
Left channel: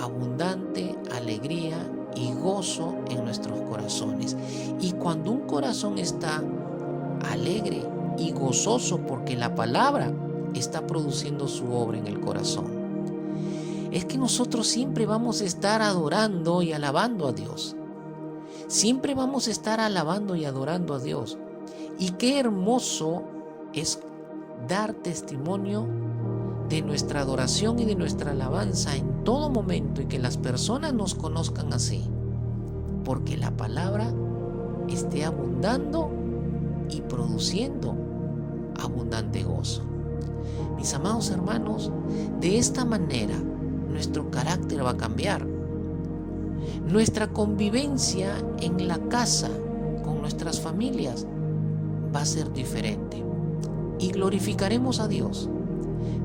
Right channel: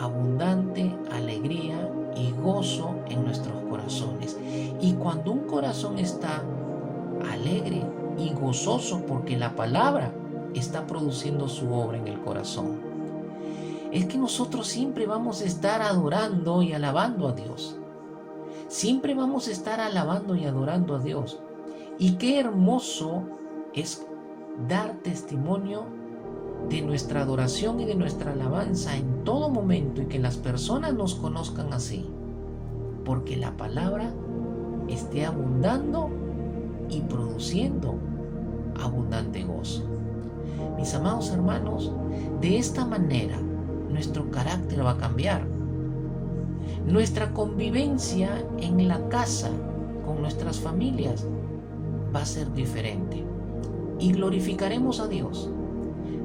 abundante alegría y gozo en nuestros corazones. Y cuando un corazón está alegre y gozoso porque la palabra está produciendo su obra en el corazón, es que nosotros siempre vamos a estar adorando y alabando a Dios. Siempre vamos a estar alabando y adorando a Dios. Y qué hermoso es dar testimonio de nuestra adoración y de nuestra alabanza en todo momento, y que las personas nos conozcan así, porque la palabra esté abundando y produciendo abundante gozo. Mis amados hermanos, de esta manera nuestro carácter va a cambiar. Nuestra convivencia en la casa con nuestras familias va a ser diferente y glorificaremos a Dios,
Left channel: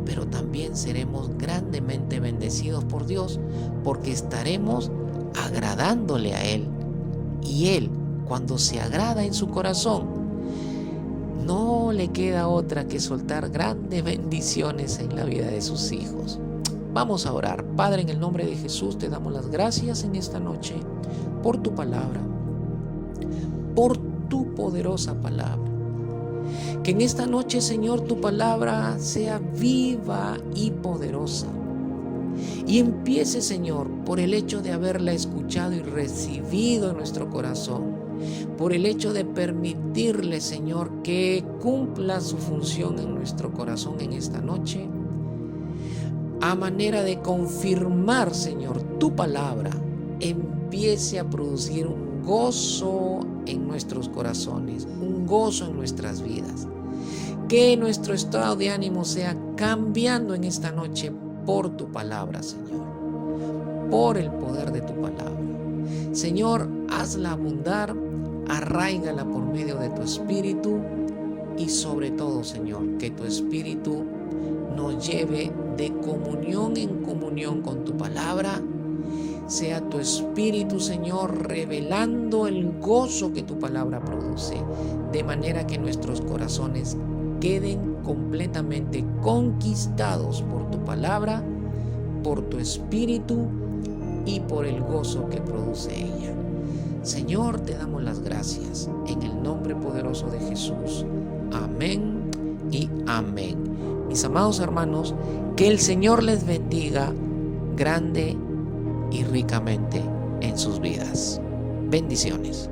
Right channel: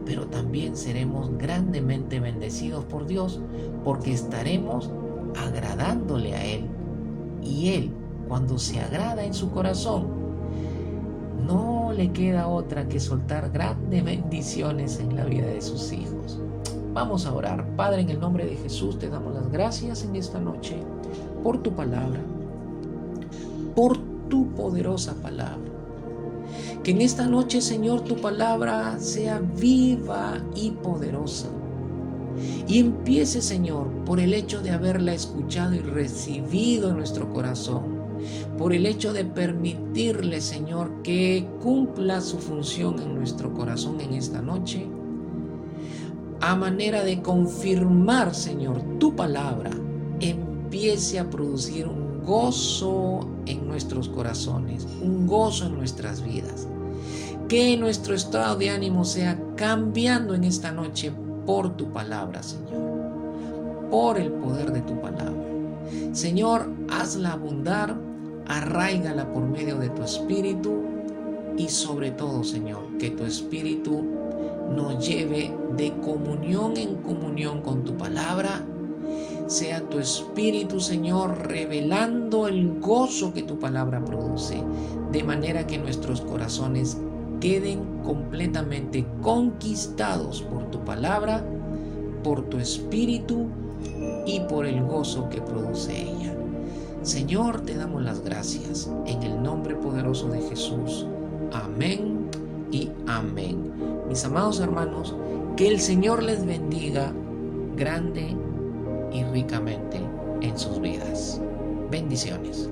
pero también seremos grandemente bendecidos por Dios, porque estaremos agradándole a Él, y Él, cuando se agrada en su corazón, no le queda otra que soltar grandes bendiciones en la vida de sus hijos. Vamos a orar. Padre, en el nombre de Jesús te damos las gracias en esta noche por tu palabra, por tu poderosa palabra. Que en esta noche, Señor, tu palabra sea viva y poderosa. Y empiece, Señor, por el hecho de haberla escuchado y recibido en nuestro corazón, por el hecho de permitirle, Señor, que cumpla su función en nuestro corazón en esta noche, a manera de confirmar, Señor, tu palabra empiece a producir un gozo en nuestros corazones, un gozo en nuestras vidas. Que nuestro estado de ánimo sea cambiando en esta noche por tu palabra, Señor, por el poder de tu palabra. Señor, hazla abundar, arráigala por medio de tu Espíritu, y sobre todo, Señor, que tu Espíritu nos lleve de comunión en comunión con tu palabra. Sea tu Espíritu, Señor, revelando el gozo que tu palabra produce, de manera que nuestros corazones queden completamente conquistados por tu palabra, por tu Espíritu y por el gozo que produce ella. Señor, te damos las gracias en el nombre poderoso de Jesús. Amén y amén. Mis amados hermanos, que el Señor les bendiga grande y ricamente en sus vidas. Bendiciones.